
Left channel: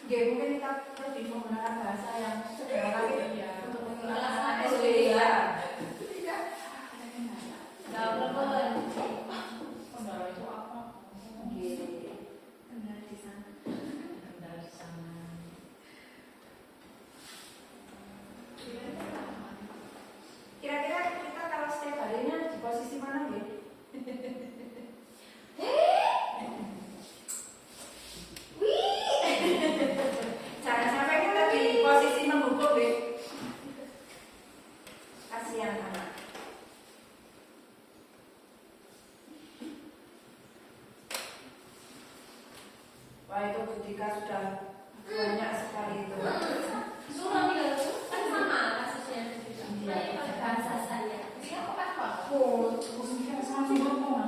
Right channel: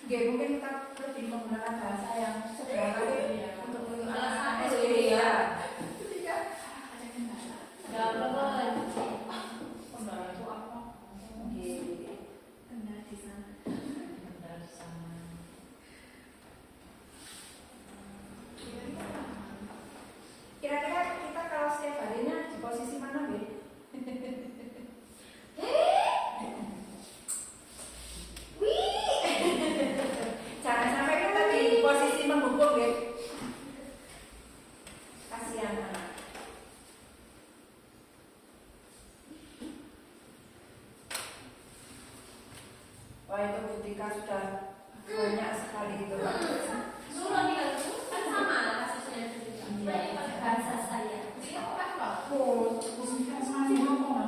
Ya mungkin kita lebih menggunakan bahasa yang sederhana lagi untuk Alasan SD ya. Iya. Ada kendala. Nggak apa-apa. Kendala itu apa? Kendala di sana. Tinggal di sana. Kira-kira kita kalau setiap harinya di posisi mana gitu? Jangan sampai kita di posisi memukul deh. Kasihan anak. Wah itu Budika sudah banyak sekali itu. Suruh ya, kan sama kasusnya. Saya pakai bahasa saya. Dia kok kan Pak? Oh, bukan sama si ngomong.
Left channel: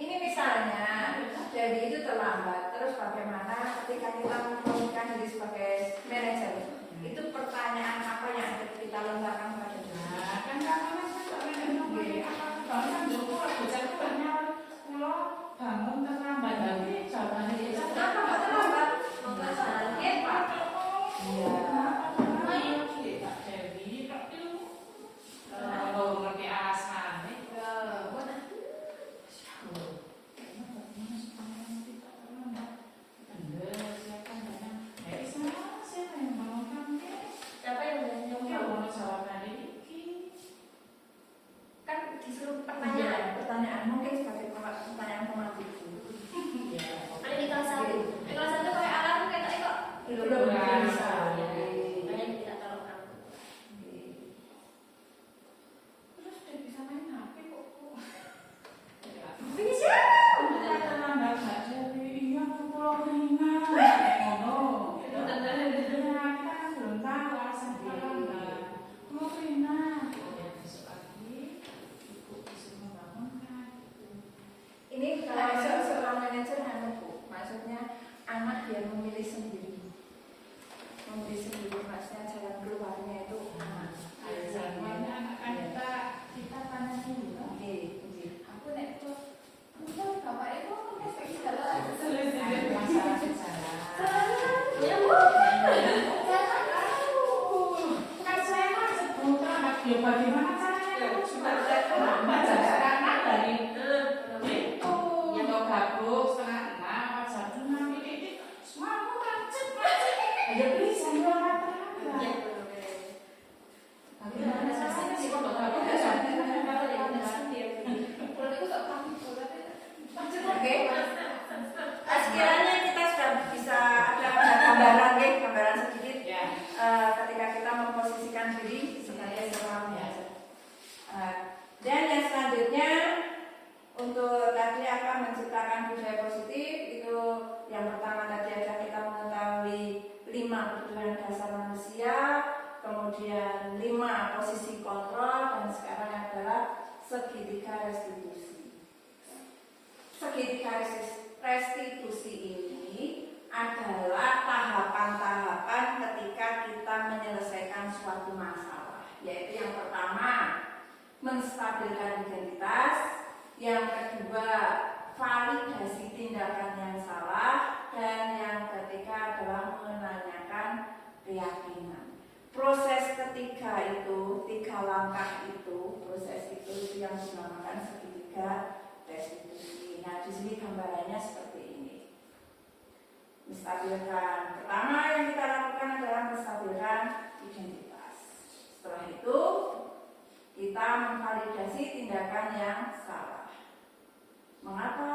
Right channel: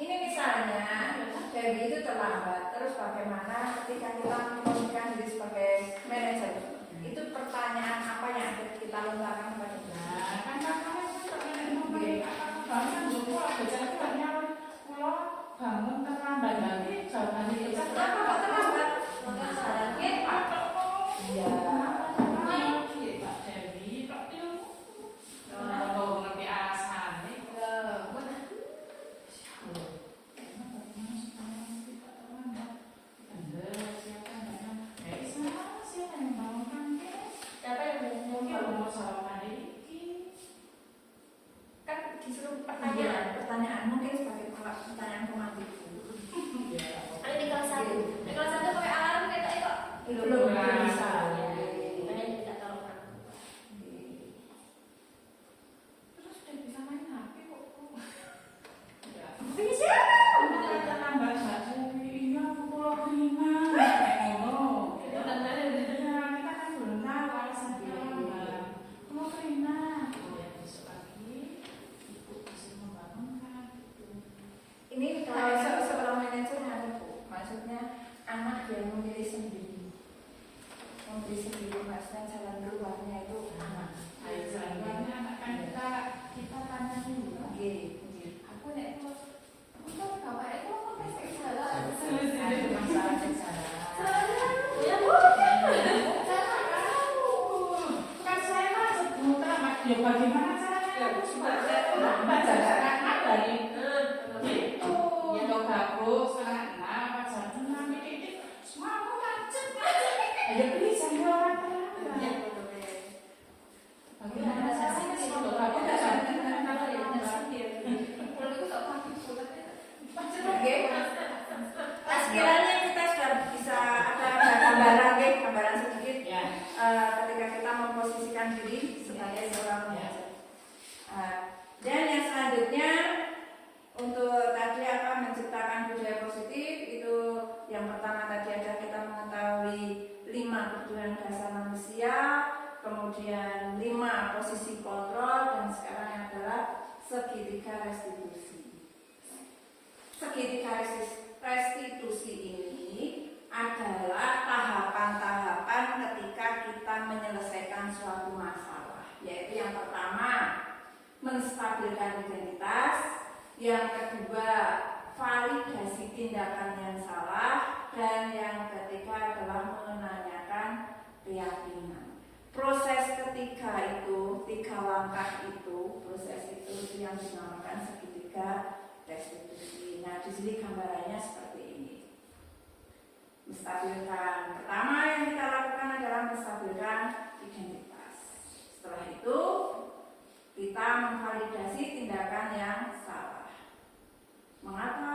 Ini misalnya, jadi itu terlambat. Terus bagaimana ketika kita memposisikan diri sebagai manajer? Itu pertanyaan apa yang kita lontarkan pada dia? Kan katanya saya tak ngerti apa kebanyakan Joko ada jadwalnya kalau bangun terlambat nanti jawabannya itu Kenapa kok terlambat? Maka sarannya Pak. Iya. Pak Dewi kok itu kalau ngerti alasannya Siapa yang Kan disuruh pertanyaan mungkin sebagai pertanyaan pematik. ada di kelas 1. Di kelas 1 pakai alarm kayak tadi kok. Belum bisa. Saya tidak tahu kan. terus dia bisa main HP kok Bisa. terlambat saja iya pulau keringan oh ya kita kan belum tahu alasan terlambat pulau keringan ya besok lagi ibu bisa membangunkan Ini kalau seorang manajer yang Bu, maksudnya anak yang memilih sendiri. Memilih sendiri maksudnya jalan keluarnya itu anak. Biasanya anak-anak kita tanya dulu Oke. aku nek tuh Bapak itu pasti segala. masalah sejarah Ya Bu. kan saya kan sebelum terlambat ya bagaimana caranya aku juga terlambat karena dari itu yang kau gabung setengah 6 jam 6 ini semua aku macet ya please saya orang terlambat bagaimana caranya sih kalau gabung kan kalau Oke. Sekiranya kita sudah bisa ada gambaran ya, gambaran sedikit ya ketika kita memposisikan diri sebagai seorang manajer. Dan yang selanjutnya untuk tadi apa menciptakan budaya positif itu yang pertama tadi ada kita mengetahui 5 kebutuhan dasar manusia, kemudian 5 posisi kontrol dan sekarang adalah segitiga restitusi. Segitiga restitusi ini adalah tahapan-tahapan ketika kita menyelesaikan suatu masalah, yaitu yang pertama menstabilkan identitas, yang kedua validasi tindakan yang salah, dan yang ketiga adalah menanyakan keyakinan. Proses ketiga itu, 3 langkah itu, proses itu yang dinamakan segitiga restitusi. Nah, di sini gambarannya seperti ini. Menstabilkan. Pertama yang kita lakukan adalah menstabilkan identitas. Setelah itu, kita memvalidasi tindakan yang salah. Mengapa?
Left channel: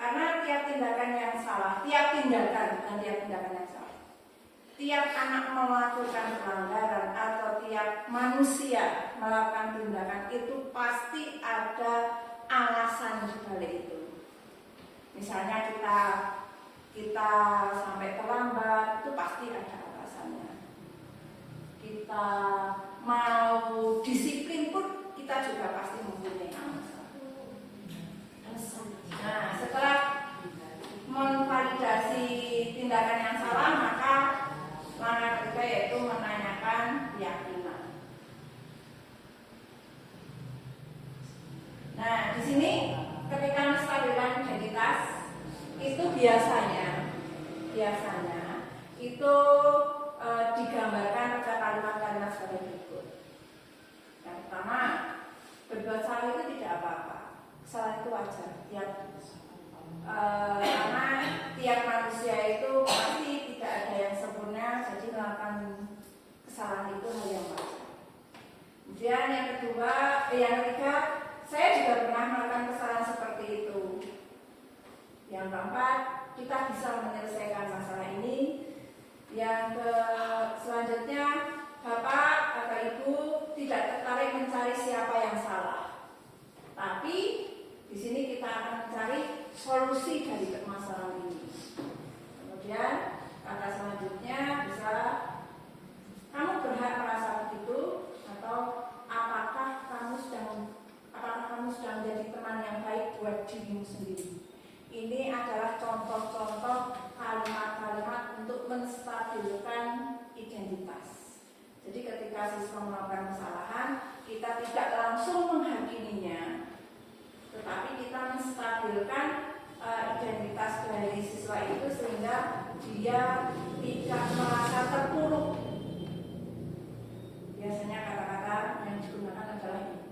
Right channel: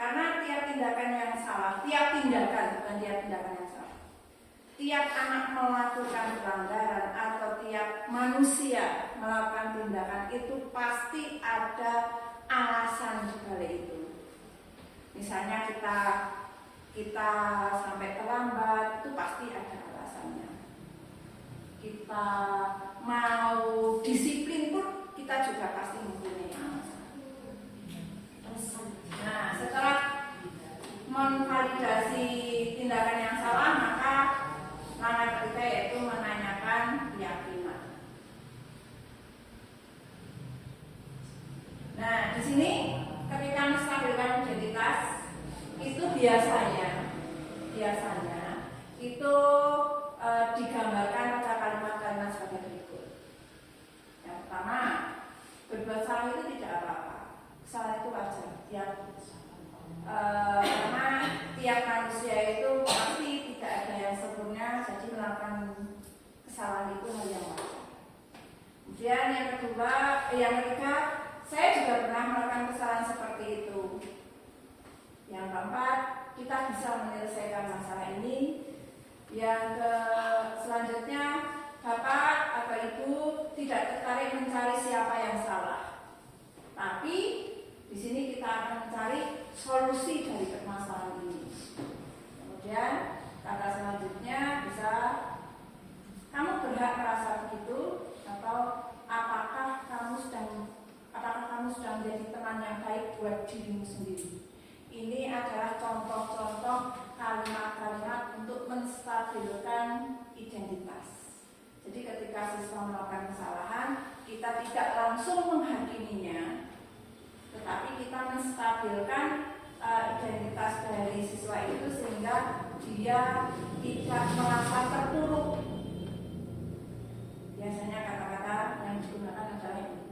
Karena tiap tindakan yang salah, tiap tindakan, bukan tiap tindakan yang salah. Tiap anak melakukan pelanggaran atau tiap manusia melakukan tindakan itu pasti ada alasan di balik itu. Misalnya kita sampai terlambat itu pasti ada alasannya. Kita mau disiplin pun kita juga pasti mempunyai alasan. Nah, setelah memvalidasi tindakan yang salah, maka langkah ketiga yaitu menanyakan keyakinan. salah itu tidak apa-apa. Kesalahan itu wajar. Karena tiap manusia itu pasti tidak ada yang sempurna, jadi melakukan kesalahan itu hal yang wajar. Kemudian yang ketiga, saya juga pernah melakukan kesalahan seperti itu. Yang keempat, kita bisa menyelesaikan masalah ini. Yang selanjutnya, Bapak atau Ibu tidak tertarik mencari siapa yang salah, tapi di sini kita akan mencari solusi dari permasalahan ini. Kemudian kata selanjutnya bisa, kamu berhak merasa begitu, atau apakah kamu sudah menjadi teman yang baik buat dirimu sendiri. Ini adalah contoh-contoh kalimat-kalimat untuk menstabilkan identitas. Jadi ketika siswa melakukan kesalahan, kita tidak langsung menghakiminya, tetapi kita menstabilkan identitas dari siswa itu sehingga dia tidak merasa terpuruk. Biasanya kata-kata yang digunakan adalah ini.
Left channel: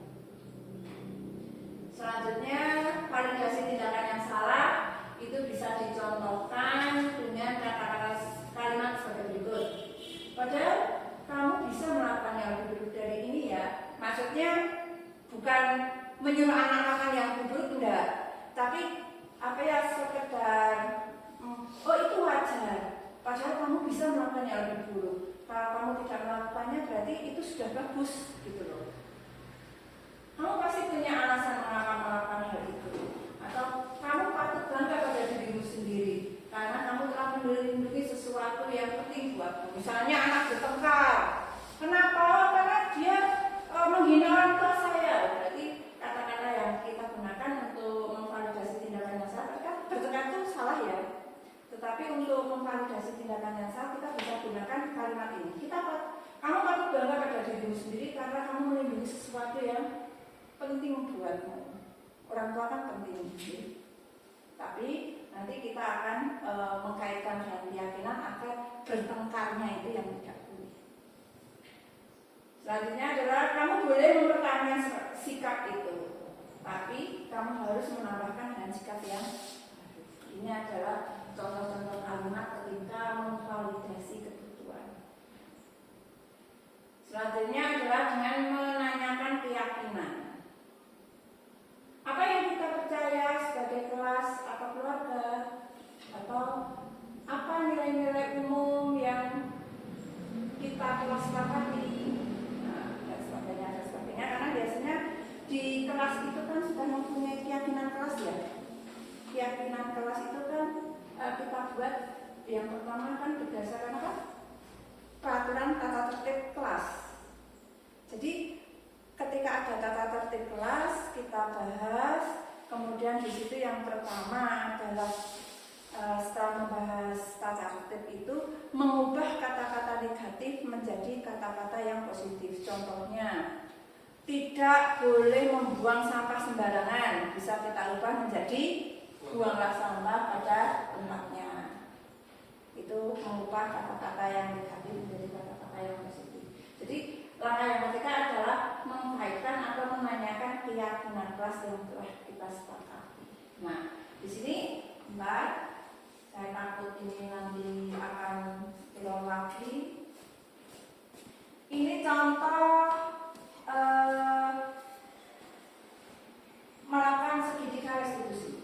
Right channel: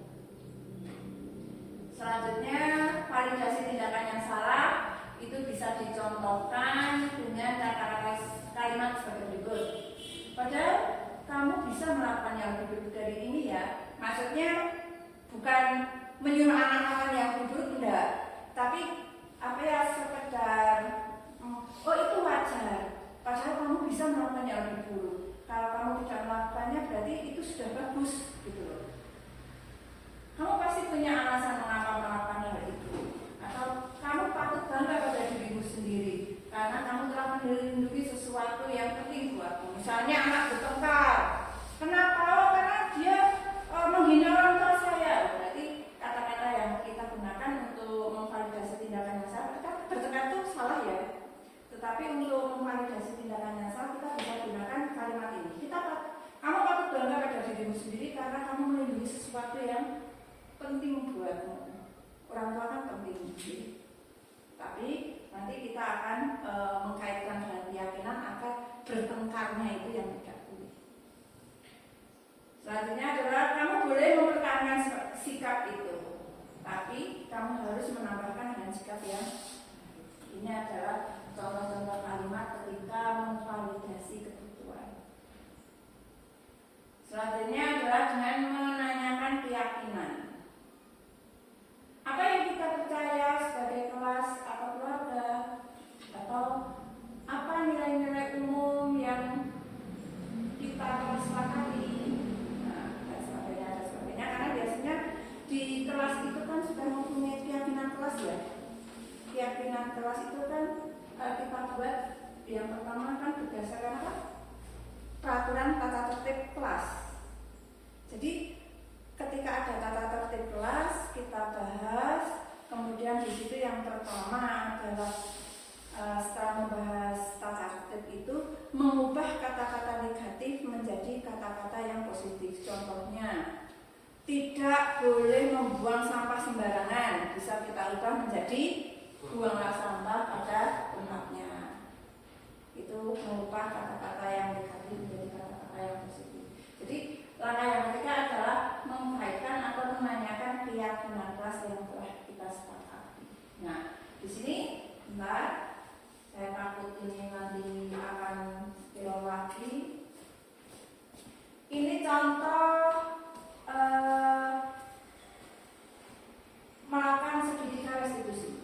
Selanjutnya, validasi tindakan yang salah itu bisa dicontohkan dengan kata-kata kalimat seperti berikut. Padahal kamu bisa melakukan yang lebih buruk dari ini ya. Maksudnya bukan menyuruh anak-anak yang buruk, enggak. Tapi sekedar oh itu wajar. Padahal kamu bisa melakukan yang lebih buruk. Kalau kamu tidak melakukannya berarti itu sudah bagus gitu loh. Kamu pasti punya alasan mengapa melakukan hal itu. Atau kamu patut bangga pada dirimu sendiri karena kamu telah melindungi sesuatu yang penting buatmu. Misalnya anak bertengkar. Kenapa? Karena dia menghina orang tua saya. Berarti kata-kata yang kita gunakan untuk memvalidasi tindakan yang salah. Bertengkar itu salah ya. Tetapi untuk memvalidasi tindakan yang salah kita bisa gunakan kalimat ini. Kamu patut bangga pada dirimu sendiri karena kamu melindungi sesuatu yang penting buatmu. Orang tua kan penting, tapi nanti kita akan mengkaitkan dengan keyakinan agar bertengkarnya itu yang tidak boleh. Selanjutnya adalah kamu boleh mempertahankan sikap itu, tapi kamu harus menambahkan dengan sikap yang baru. Ini adalah contoh-contoh kalimat ketika memvalidasi ketentuan. Selanjutnya adalah dengan menanyakan keyakinan. Apa yang kita percaya sebagai kelas atau keluarga, atau apa nilai-nilai umum yang kita telah sepakati, dan sebagainya. Karena biasanya di kelas itu kan sudah mempunyai keyakinan kelas ya. Keyakinan kelas itu kan kita buat yang pertama kan berdasarkan apa? Peraturan tata tertib kelas. Jadi ketika ada tata tertib kelas kita bahas, kemudian di situ yang pertama adalah setelah membahas tata tertib itu mengubah kata-kata negatif menjadi kata-kata yang positif. Contohnya, tidak boleh membuang sampah sembarangan, bisa kita ubah menjadi buanglah sampah pada tempatnya. Itu mengubah kata-kata yang negatif menjadi kata-kata yang positif. Jadi langkah yang ketiga adalah mengkaitkan atau menanyakan keyakinan kelas yang telah kita sepakati. Nah, di sini, saya takut ini nanti akan hilang lagi. Ini contoh melakukan segitiga restitusi.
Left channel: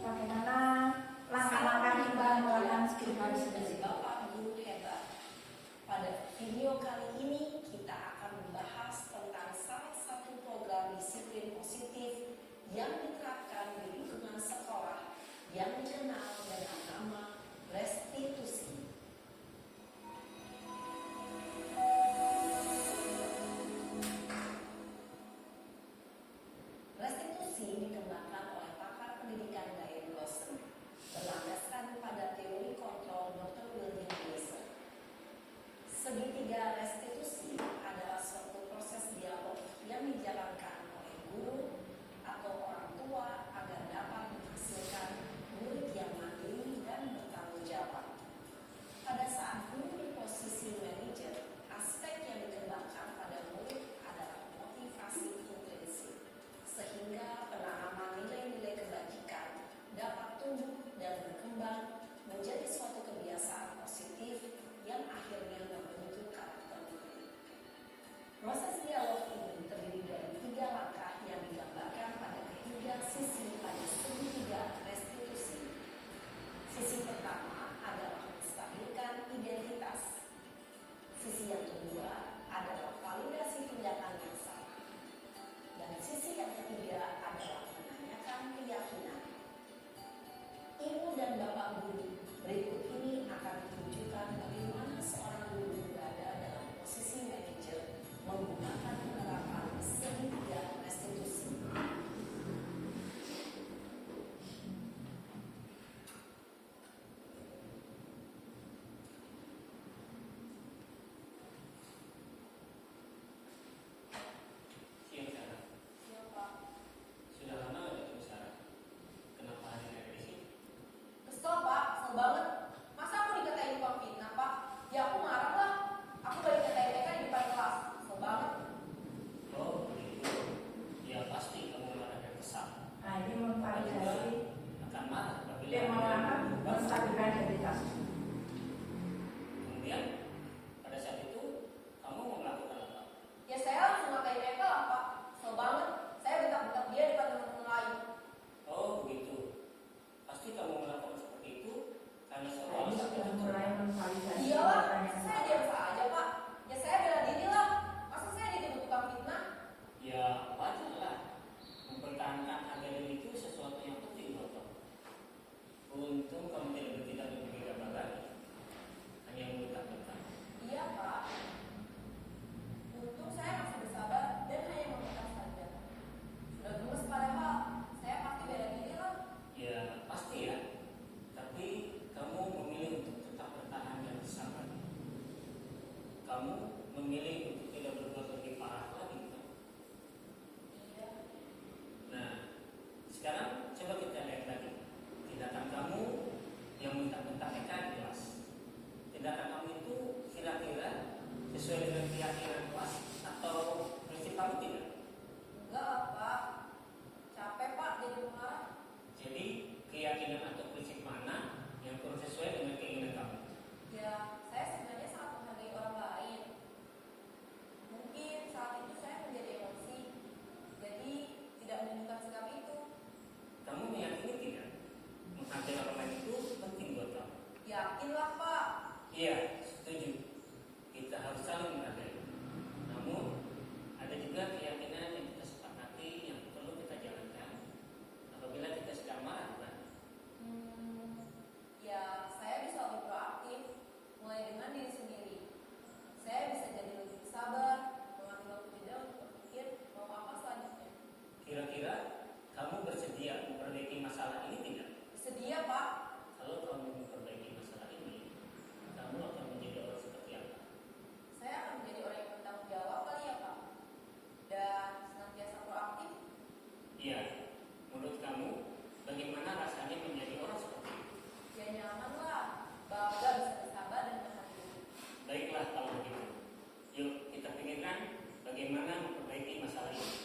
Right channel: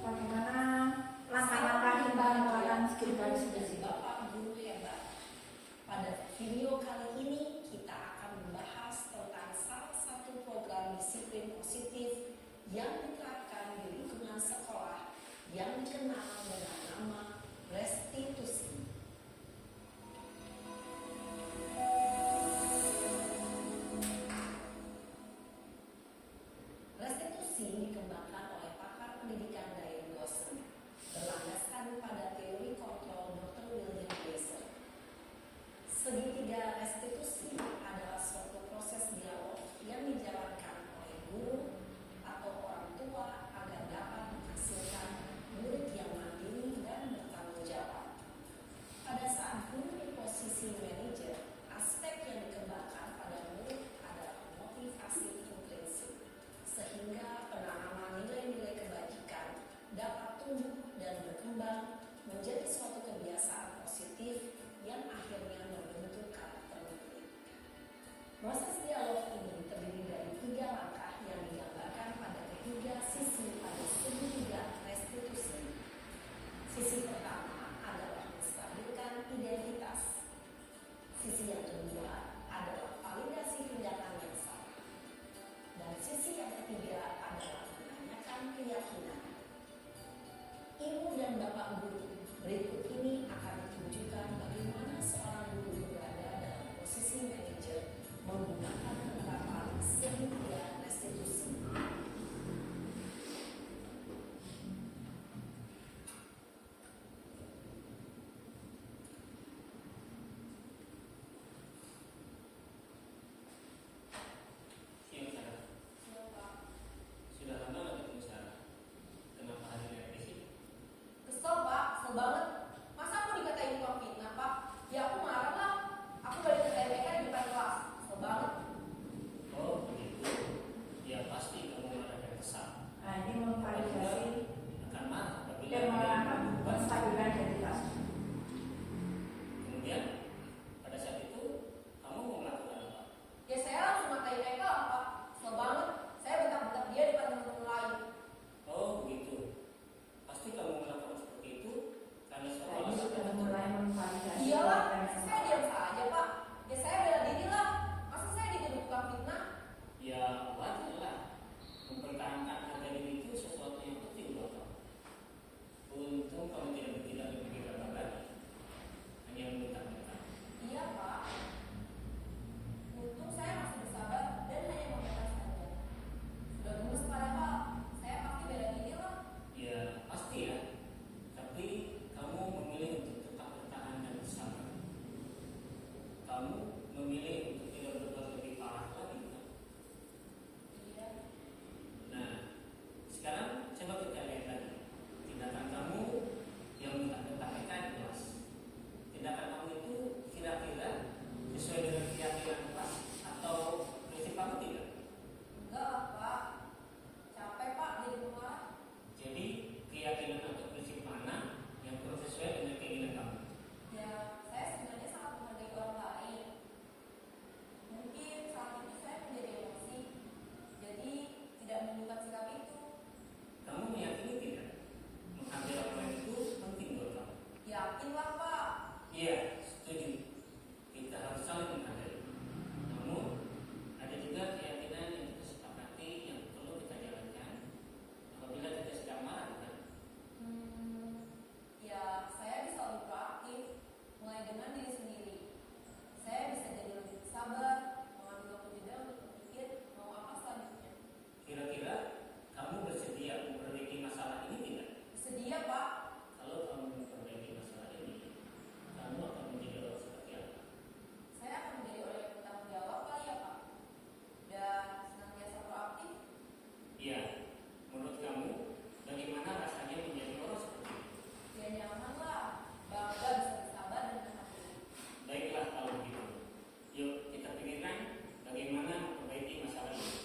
Bagaimana langkah-langkah kita melakukan segitiga restitusi? Bapak Guru hebat. Pada video kali ini kita akan membahas tentang salah satu program disiplin positif Sisi pertama adalah menstabilkan identitas. Sisi yang kedua adalah validasi tindakan yang salah. Dan sisi yang ketiga adalah menanyakan keyakinan. Ibu dan Bapak guru, berikut ini akan ditunjukkan bagaimana seorang guru berada dalam posisi manajer menggunakan penerapan segitiga restitusi. Siang Sarah, Siapa? sudah lama nggak ketemu Sarah? Kenapa hari ini revisi? Kesel pak, kesel banget. Masa aku dikatain tukang fitnah pak? Ya aku marah lah. Aku udah dikatain mereka di depan kelas. Kesel banget. Oh begitu. Ya pasti kamu marah dan kesal. Nah, ini memvalidasi Akan marah apabila dan malah menstabilkan identitas. kemudian pada saat itu kamu mau melakukan apa? Ya saya langsung ngatain mereka lah pak. Kesel banget. Saya bentak-bentak dia di depan teman-teman lain. Oh begitu. Pasti kamu melakukan seperti itu karena Nah, seolah ini sudah mulai memvalidasi. Iyalah, saya diam saja pak. Ya saya bela diri lah. Masa saya dituduh tukang fitnah? ya wajar lah. Mempertahankan harga diri itu sesuatu yang penting buat kamu. Untung kamu tidak bertindak lebih gegabah lagi. Hanya meminta-minta. Iya pak. Untung saya masih bersabar dan hanya membatas saja. Sudah gemes padahal. Saya pasti bela diri lah. Ya pasti ya. Tapi kamu memilih untuk tetap bertahan dan bersabar. Kamu memilih untuk tidak berbuat lebih parah lagi. Kan? Iya. Nah, sekarang coba kita lihat lagi. Tindakan kamu yang minta-minta mereka di kelas. Tindakan kamu itu kira-kira sesuai dengan keyakinan kelas atau prinsip kamu tidak? Enggak lah pak. Capek pak jadi pengarah. Jadi keyakinan atau prinsip mana yang kurang sesuai dengan keinginan kamu? Ya, saya sebenarnya sangat menghargai orang lain. Mungkin saat itu saya menjadi emosi, jadi tidak menemukan sikap itu. Kamu meyakini tidak? Menghargai orang lain itu penting buat kamu. Yakinlah pak. Iya, setuju. Kita harus saling menghargai. Namun ada juga keyakinan yang kita sepakati yang perlu kita jalankan apabila kita sedang marah. Kan? Ya saya bisa lebih proaktif, mulai dengan diri sendiri. Saya bisa jadi lebih sabar, mengambil waktu jeda untuk berpikir mau apa selanjutnya. Kira-kira kamu bersedia memperbaiki masalah ini tidak? Sedia pak. Kalau kamu memperbaiki masalah ini, kamu akan menjadi orang seperti apa? Saya akan menjadi orang yang bertanggung jawab kali ya pak. Dan senantiasa proaktif. Iya, menurut kamu bagaimana rasanya menjadi orang seperti itu? Ya nyaman lah, bangga bisa bersabar dan menghadapi. Baiklah kalau begitu. Yuk kita pikirkan bagaimana memperbaiki masalah ini.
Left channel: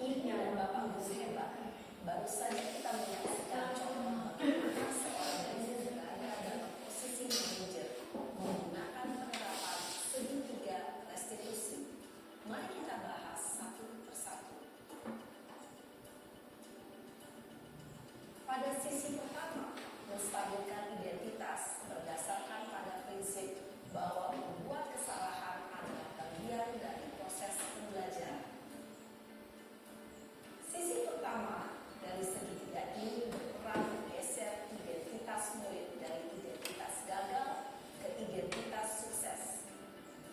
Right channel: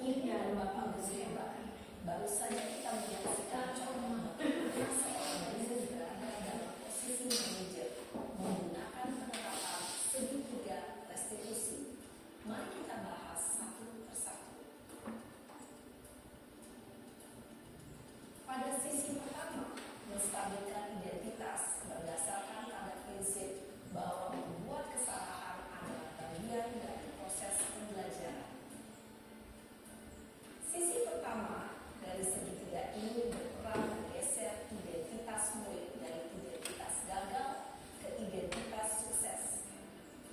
Ibu dan Bapak guru hebat. Baru saja kita menyaksikan contoh bagaimana seorang guru berada dalam posisi manajer menggunakan penerapan segitiga restitusi. Mari kita bahas satu persatu. Pada sisi pertama, menstabilkan identitas berdasarkan pada prinsip bahwa membuat kesalahan adalah bagian dari proses pembelajaran. Sisi pertama dari segitiga ini berperan menggeser identitas murid dari identitas gagal ke identitas sukses.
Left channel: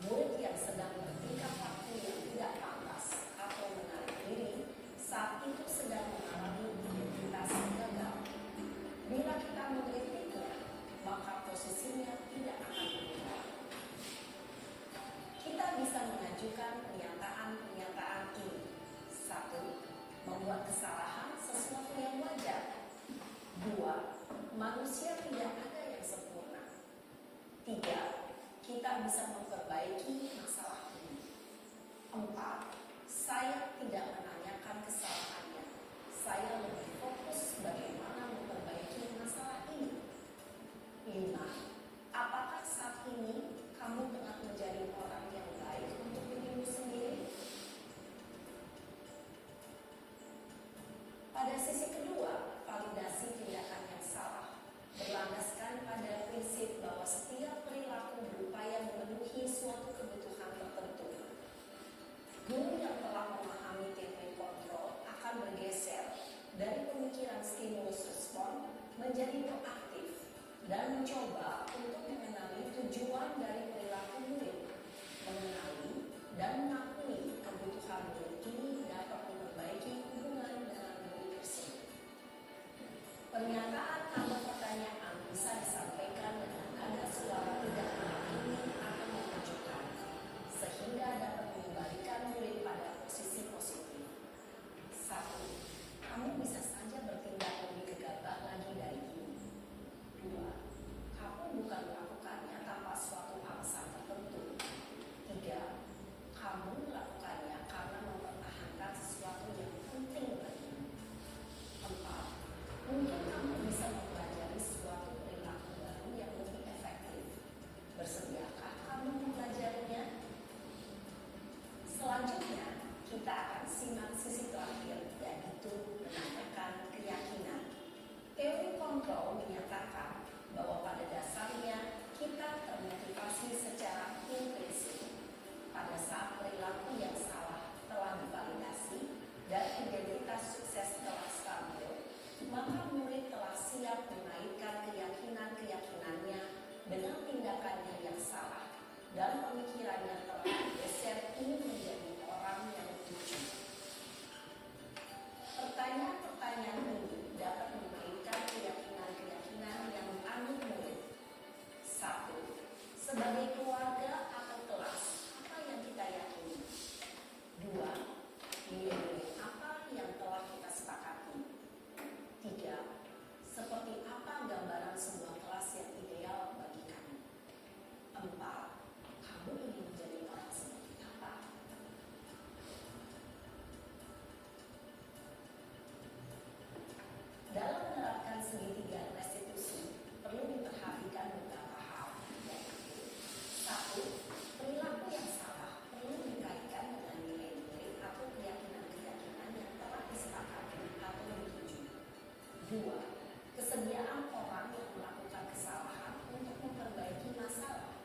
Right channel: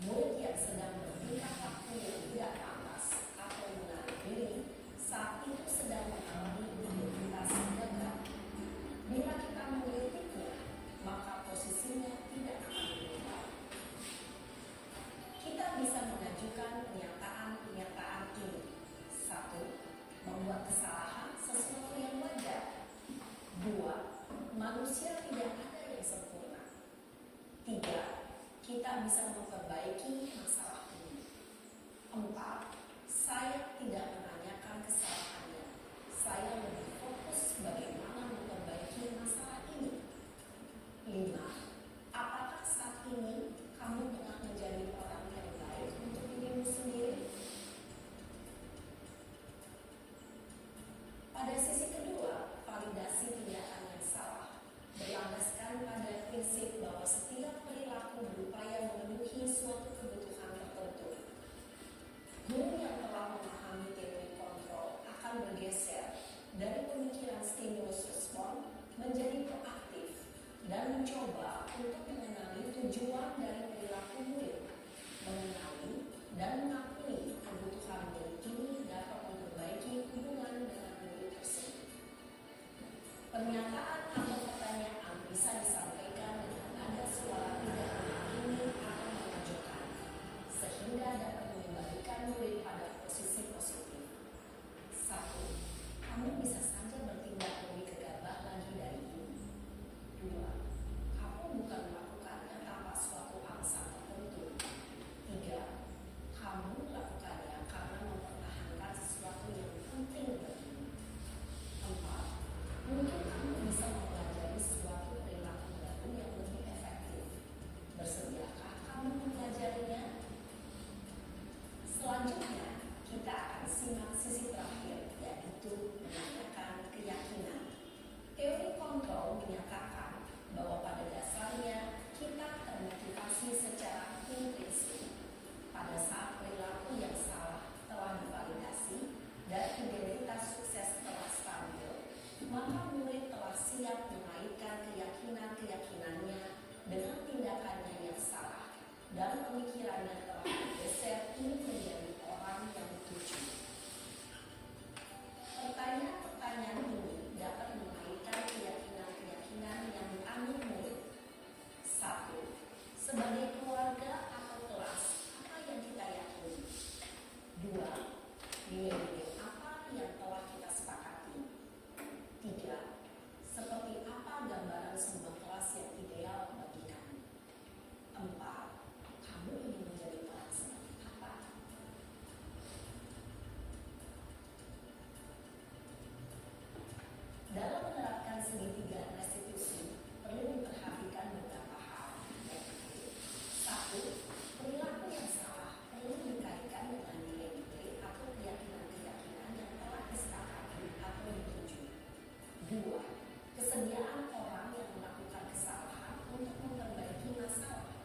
Murid yang sedang bertingkah laku yang tidak pantas atau menarik diri saat itu sedang mengalami identitas gagal. Bila kita mengkritiknya, maka posisinya tidak akan berubah. Kita bisa mengajukan pernyataan-pernyataan ini. 1. Membuat kesalahan sesuatu yang wajar. 2. Manusia tidak ada yang sempurna. 3. Kita bisa memperbaiki masalah ini. 4. Saya tidak menanyakan kesalahannya. Saya lebih fokus bagaimana memperbaiki masalah ini. 5. Apakah saat ini kamu tengah menjadi orang yang baik untuk dirimu sendiri? pemikiran yang telah bergeser ini menjadi orang yang jujur. Pertanyaan-pertanyaan ini dapat mengalihkan keyakinan-keyakinan yang dianut murid. 1. Sebagai keluarga atau kelas, apa yang kita yakini? 2. Nilai-nilai apa yang telah kita sepakati? 3. Seperti apa gambaran sebuah kelas yang ideal bagi kami? 4. Kamu ingin menjadi orang seperti apa? Dalam menerapkan segitiga restitusi, perlu diperhatikan beberapa hal, yaitu 1. Perilaku yang salah perlu dikaitkan dengan nilai-nilai atau keyakinan-keyakinan yang telah disepakati atau dituju. 2. Kesediaan orang yang melakukan kesalahan untuk memperbaiki masalah.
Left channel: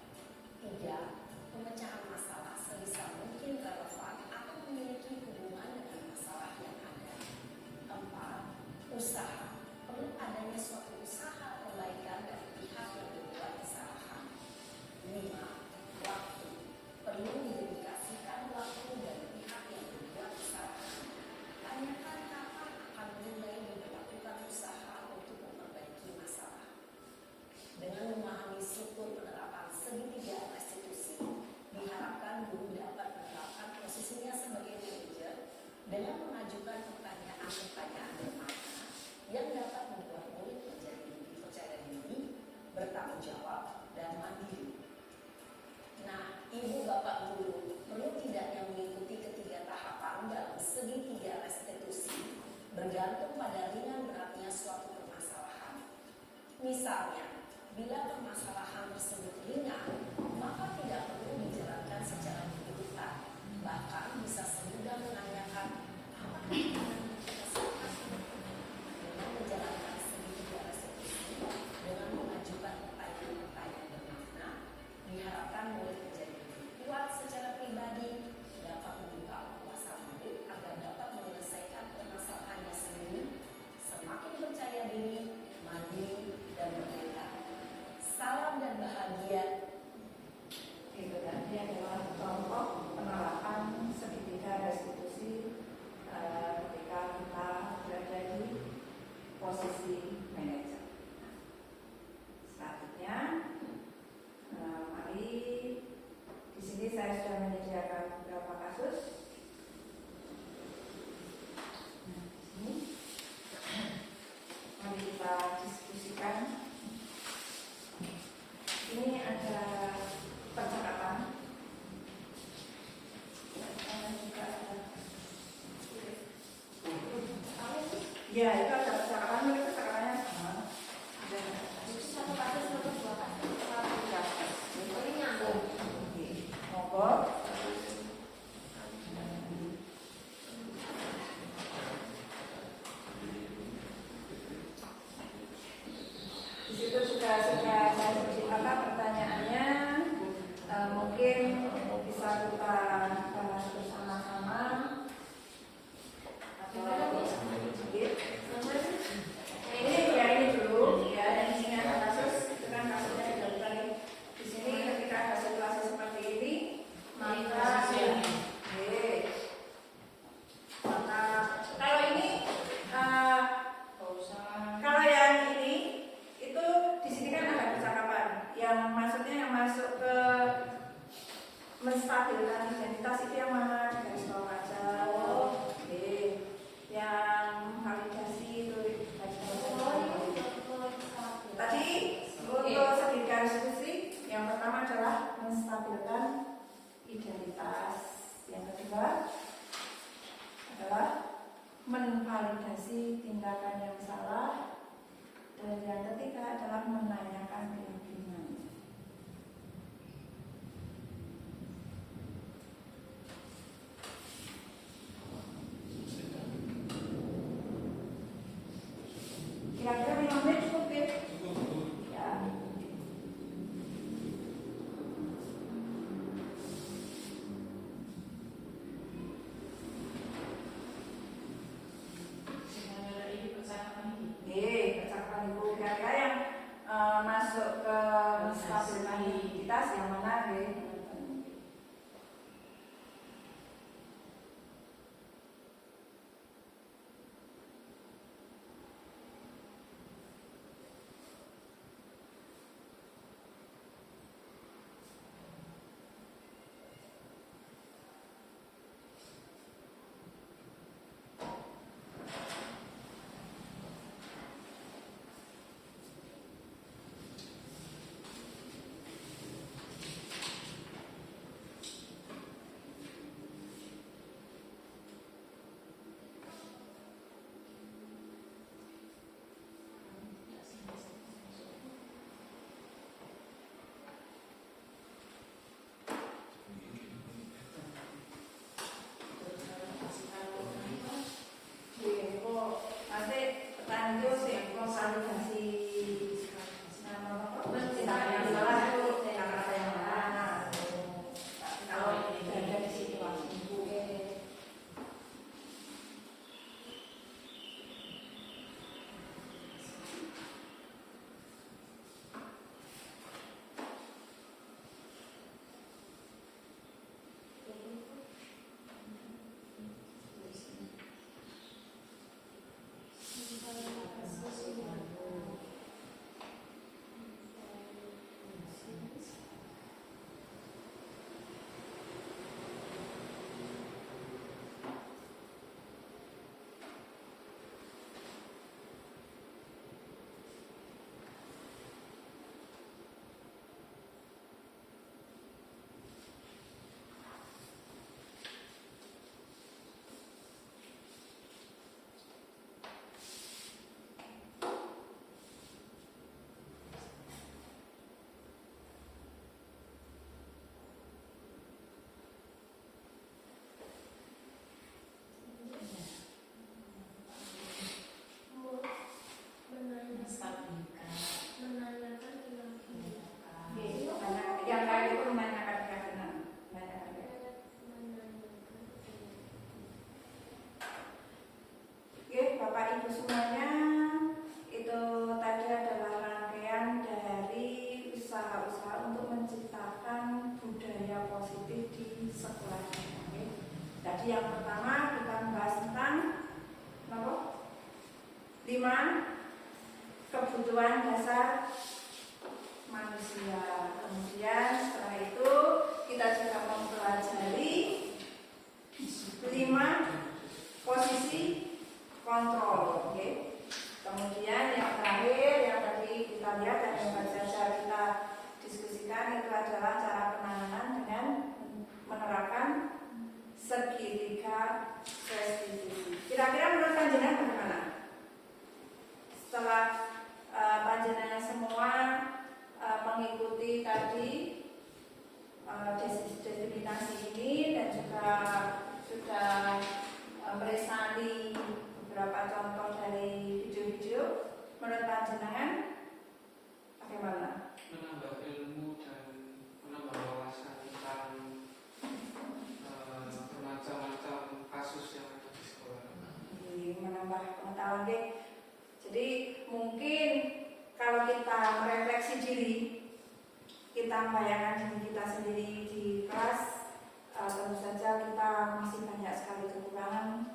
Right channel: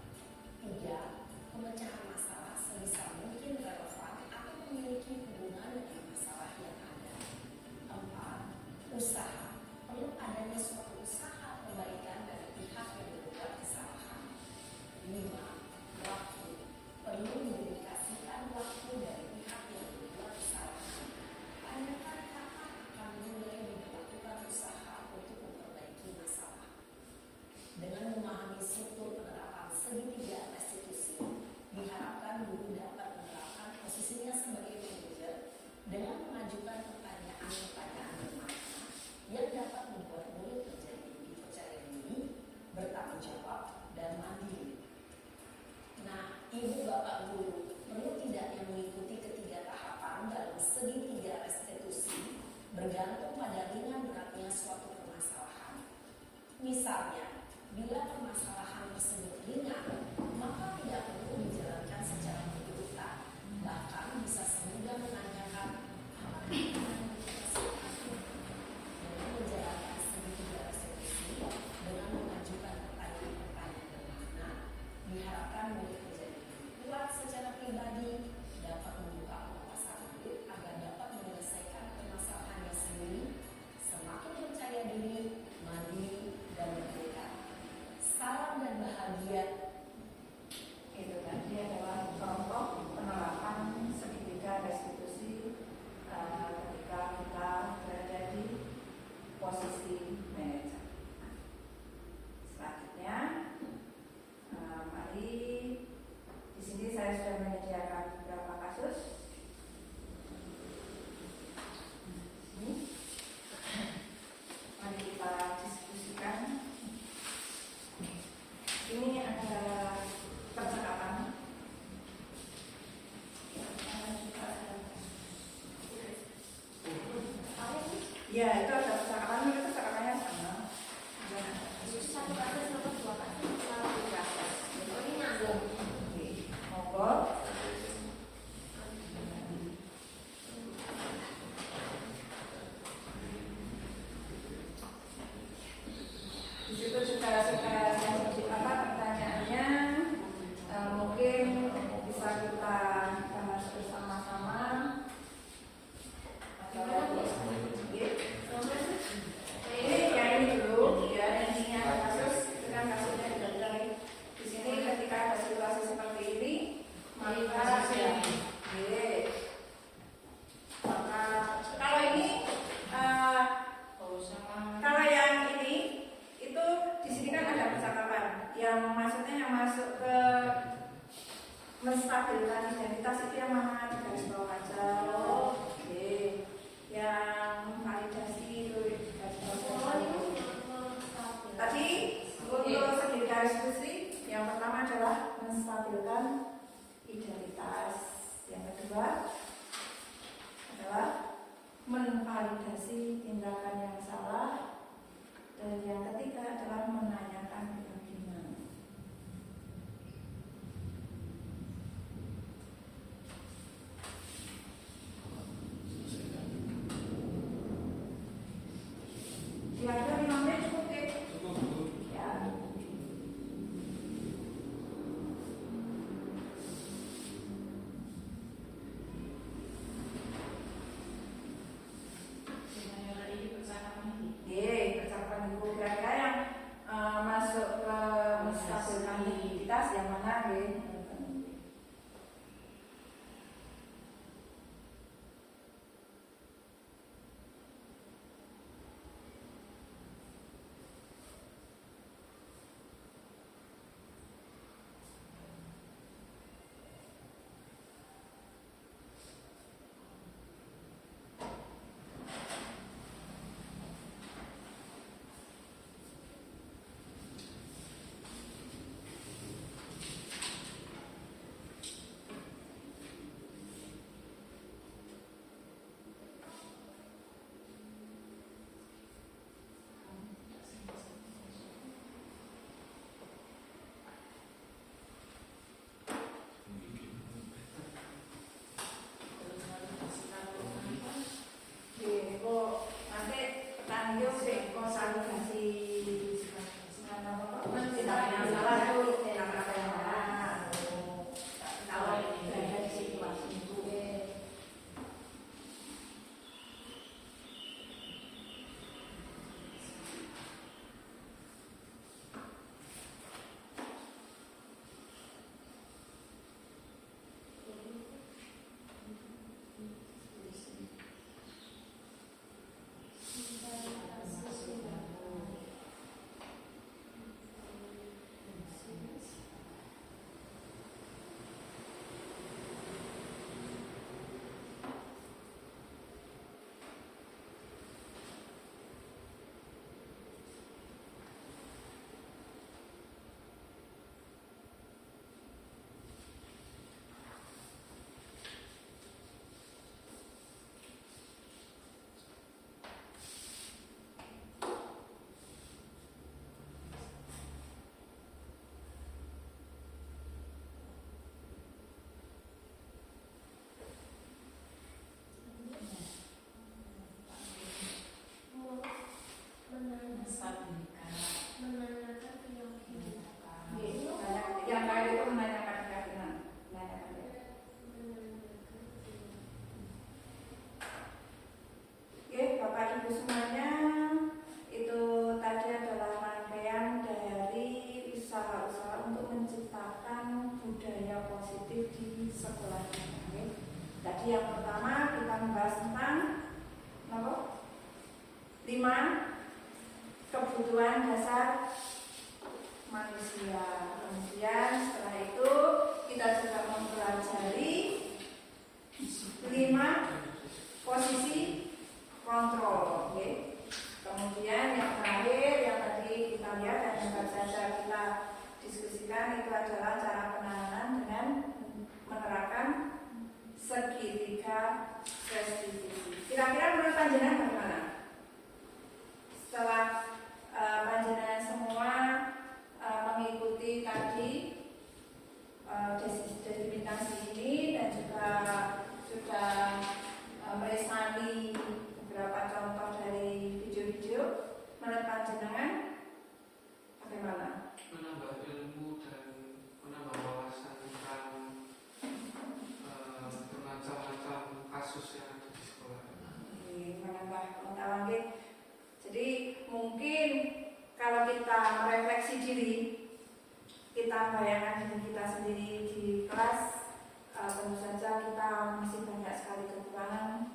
3. Pemecahan masalah sebisa mungkin relevan atau memiliki hubungan dengan masalah yang ada. 4. Usaha. Perlu adanya suatu usaha perbaikan dari pihak yang berbuat kesalahan. 5. Waktu. Perlu didedikasikan waktu dari pihak yang berbuat kesalahan. Tanyakan kapan akan mulai dilakukan usaha untuk memperbaiki masalah. Dengan memahami struktur penerapan segitiga restitusi, diharapkan guru dapat menerapkan posisinya sebagai manajer dengan mengajukan pertanyaan-pertanyaan bermakna yang dapat membuat murid menjadi lebih percaya diri, bertanggung jawab, dan mandiri. Nah, ibu bapak guru, perlu tidak yang mengikuti ketiga tahapan dalam segitiga restitusi bergantung pada ringan beratnya suatu permasalahan. Misalnya, bila permasalahan tersebut ringan, maka tidak perlu dijalankan secara berurutan. Bahkan bisa semudah menanyakan apakah yang kita sepakati. Dengan menjalankan segitiga restitusi dengan mengajukan pertanyaan-pertanyaan bermakna, diharapkan murid menjadi lebih kuat secara pribadi, dapat membuka wawasan murid agar dapat menyelesaikan permasalahannya sendiri, semakin percaya diri, mandiri, dan berdaya. Salam dan bahagia. Itu tadi adalah contoh penerapan segitiga restitusi ketika kita berada di posisi manajer. Selanjutnya, mari di sini saya sudah menyediakan beberapa kasus. Ini, mari kita diskusikan. Ini ada percakapan. Ya, itu ada percakapan, tapi percakapannya sama. Satu kasus atau dua kasus? Satu kasus. Oh, ini nyambung. Oke, monggo. Di situ juga sudah saya sebut pertanyaannya. Mungkin bisa kita bahas bersama-sama. Ini ya ini dulu ya, ini yang kasus dengan kasusnya dari di sini ketika ada situasi seperti ini maka kalau ini kalau yang ini itu di sini kan ada percakapan yang maksudnya yang masuk ke menstabilkan identitas itu yang mana garis bawah aja. Yang validasi itu tadi untuk segitiga restitusi yang pertama adalah menstabilkan identitas, yang kedua adalah menvalidasi tindakan yang salah, dan yang ketiga adalah menanyakan keyakinan. Kira-kira 5 menit cukup ya? Ya. Percakapan ibu kira-kira yang masuk ke budaya positif di sekolah kita. Okay? Jadi yang pertama kita membahas tentang 5 kebutuhan dasar manusia. Kemudian setelah itu kita juga mempelajari 5 posisi kontrol. Okay? Kemudian yang terakhir yang tadi kita lihat dan yang baru saja kita diskusikan itu adalah cara penanganan dengan menerapkan segitiga restitusi. Kira-kira menurut panjenengan bagaimana? Setelah panjenengan semua mengikuti tadi delimitasi ini dan juga sudah meresali beberapa contoh dari video-video, menurut panjenengan bagaimana? Menambah ilmu dan menambah wawasan tentang bermacam-macam kasus yang ada di sekolah. Menambah pengetahuan. Jadi mungkin kalau kita merefleksi diri, kita membayangkan diri kita sendiri di kelas, tentu saja kita masih banyak sekali kekurangan.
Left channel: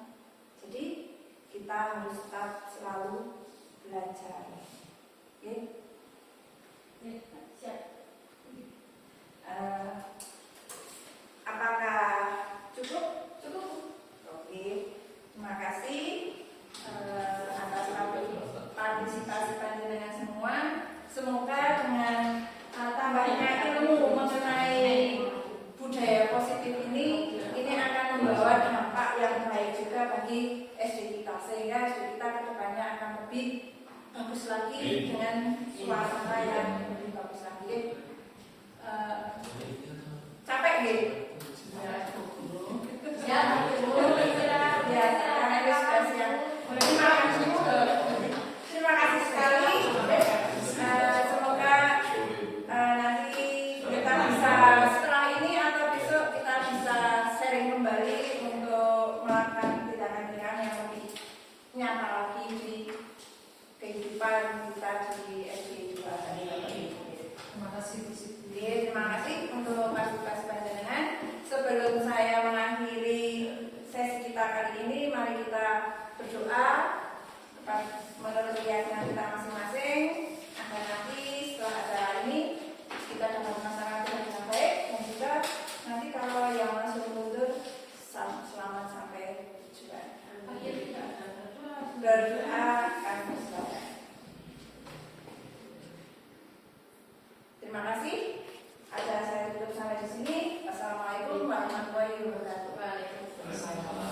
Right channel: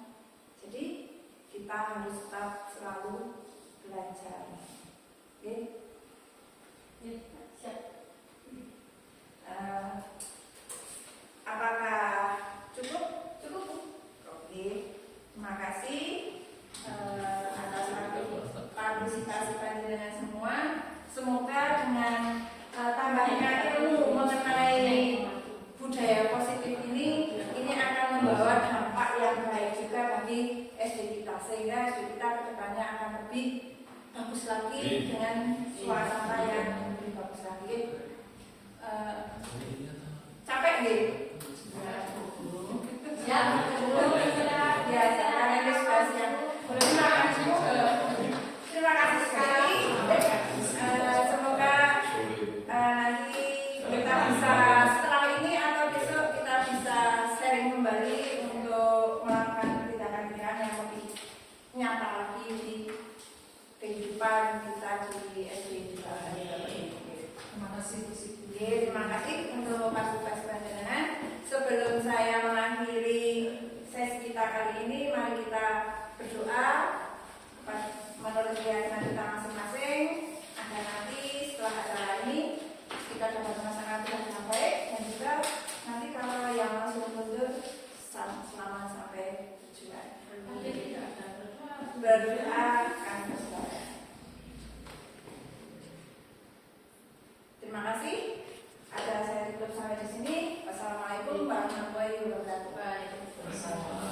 Jadi kita harus tetap selalu belajar. Oke? Apakah cukup? Cukup? Oke. Terima kasih atas partisipasi panjenengan semua. Semoga dengan tambahnya ilmu mengenai budaya positif ini akan membawa dampak yang baik juga bagi SD kita, sehingga SD kita kedepannya akan lebih bagus lagi dengan suasana yang lebih bagus lagi. Capek deh. Ya, biasa karena ini sudah siap. Terima kasih sekali. Semoga nanti kita bisa setelah ini atau besok kita bisa sharing kembali untuk melakukan tindakan-tindakan yang lebih nyata lagi di kehidupan kita di SD juga. Terima kasih. Terima kasih untuk partisipasi panjenengan. Sebelum saya mengakhiri sesi kita kali ini, mari kita berdoa menurut keyakinan kita masing-masing agar nanti setelah acara ini kita dapat melaksanakan dengan baik dan juga nanti kalau yang langsung mundur selamat sampai tujuan. Berdoa kami berdoa. Terima kasih. Acara saya tutup sampai di sini. Wassalamualaikum warahmatullahi wabarakatuh.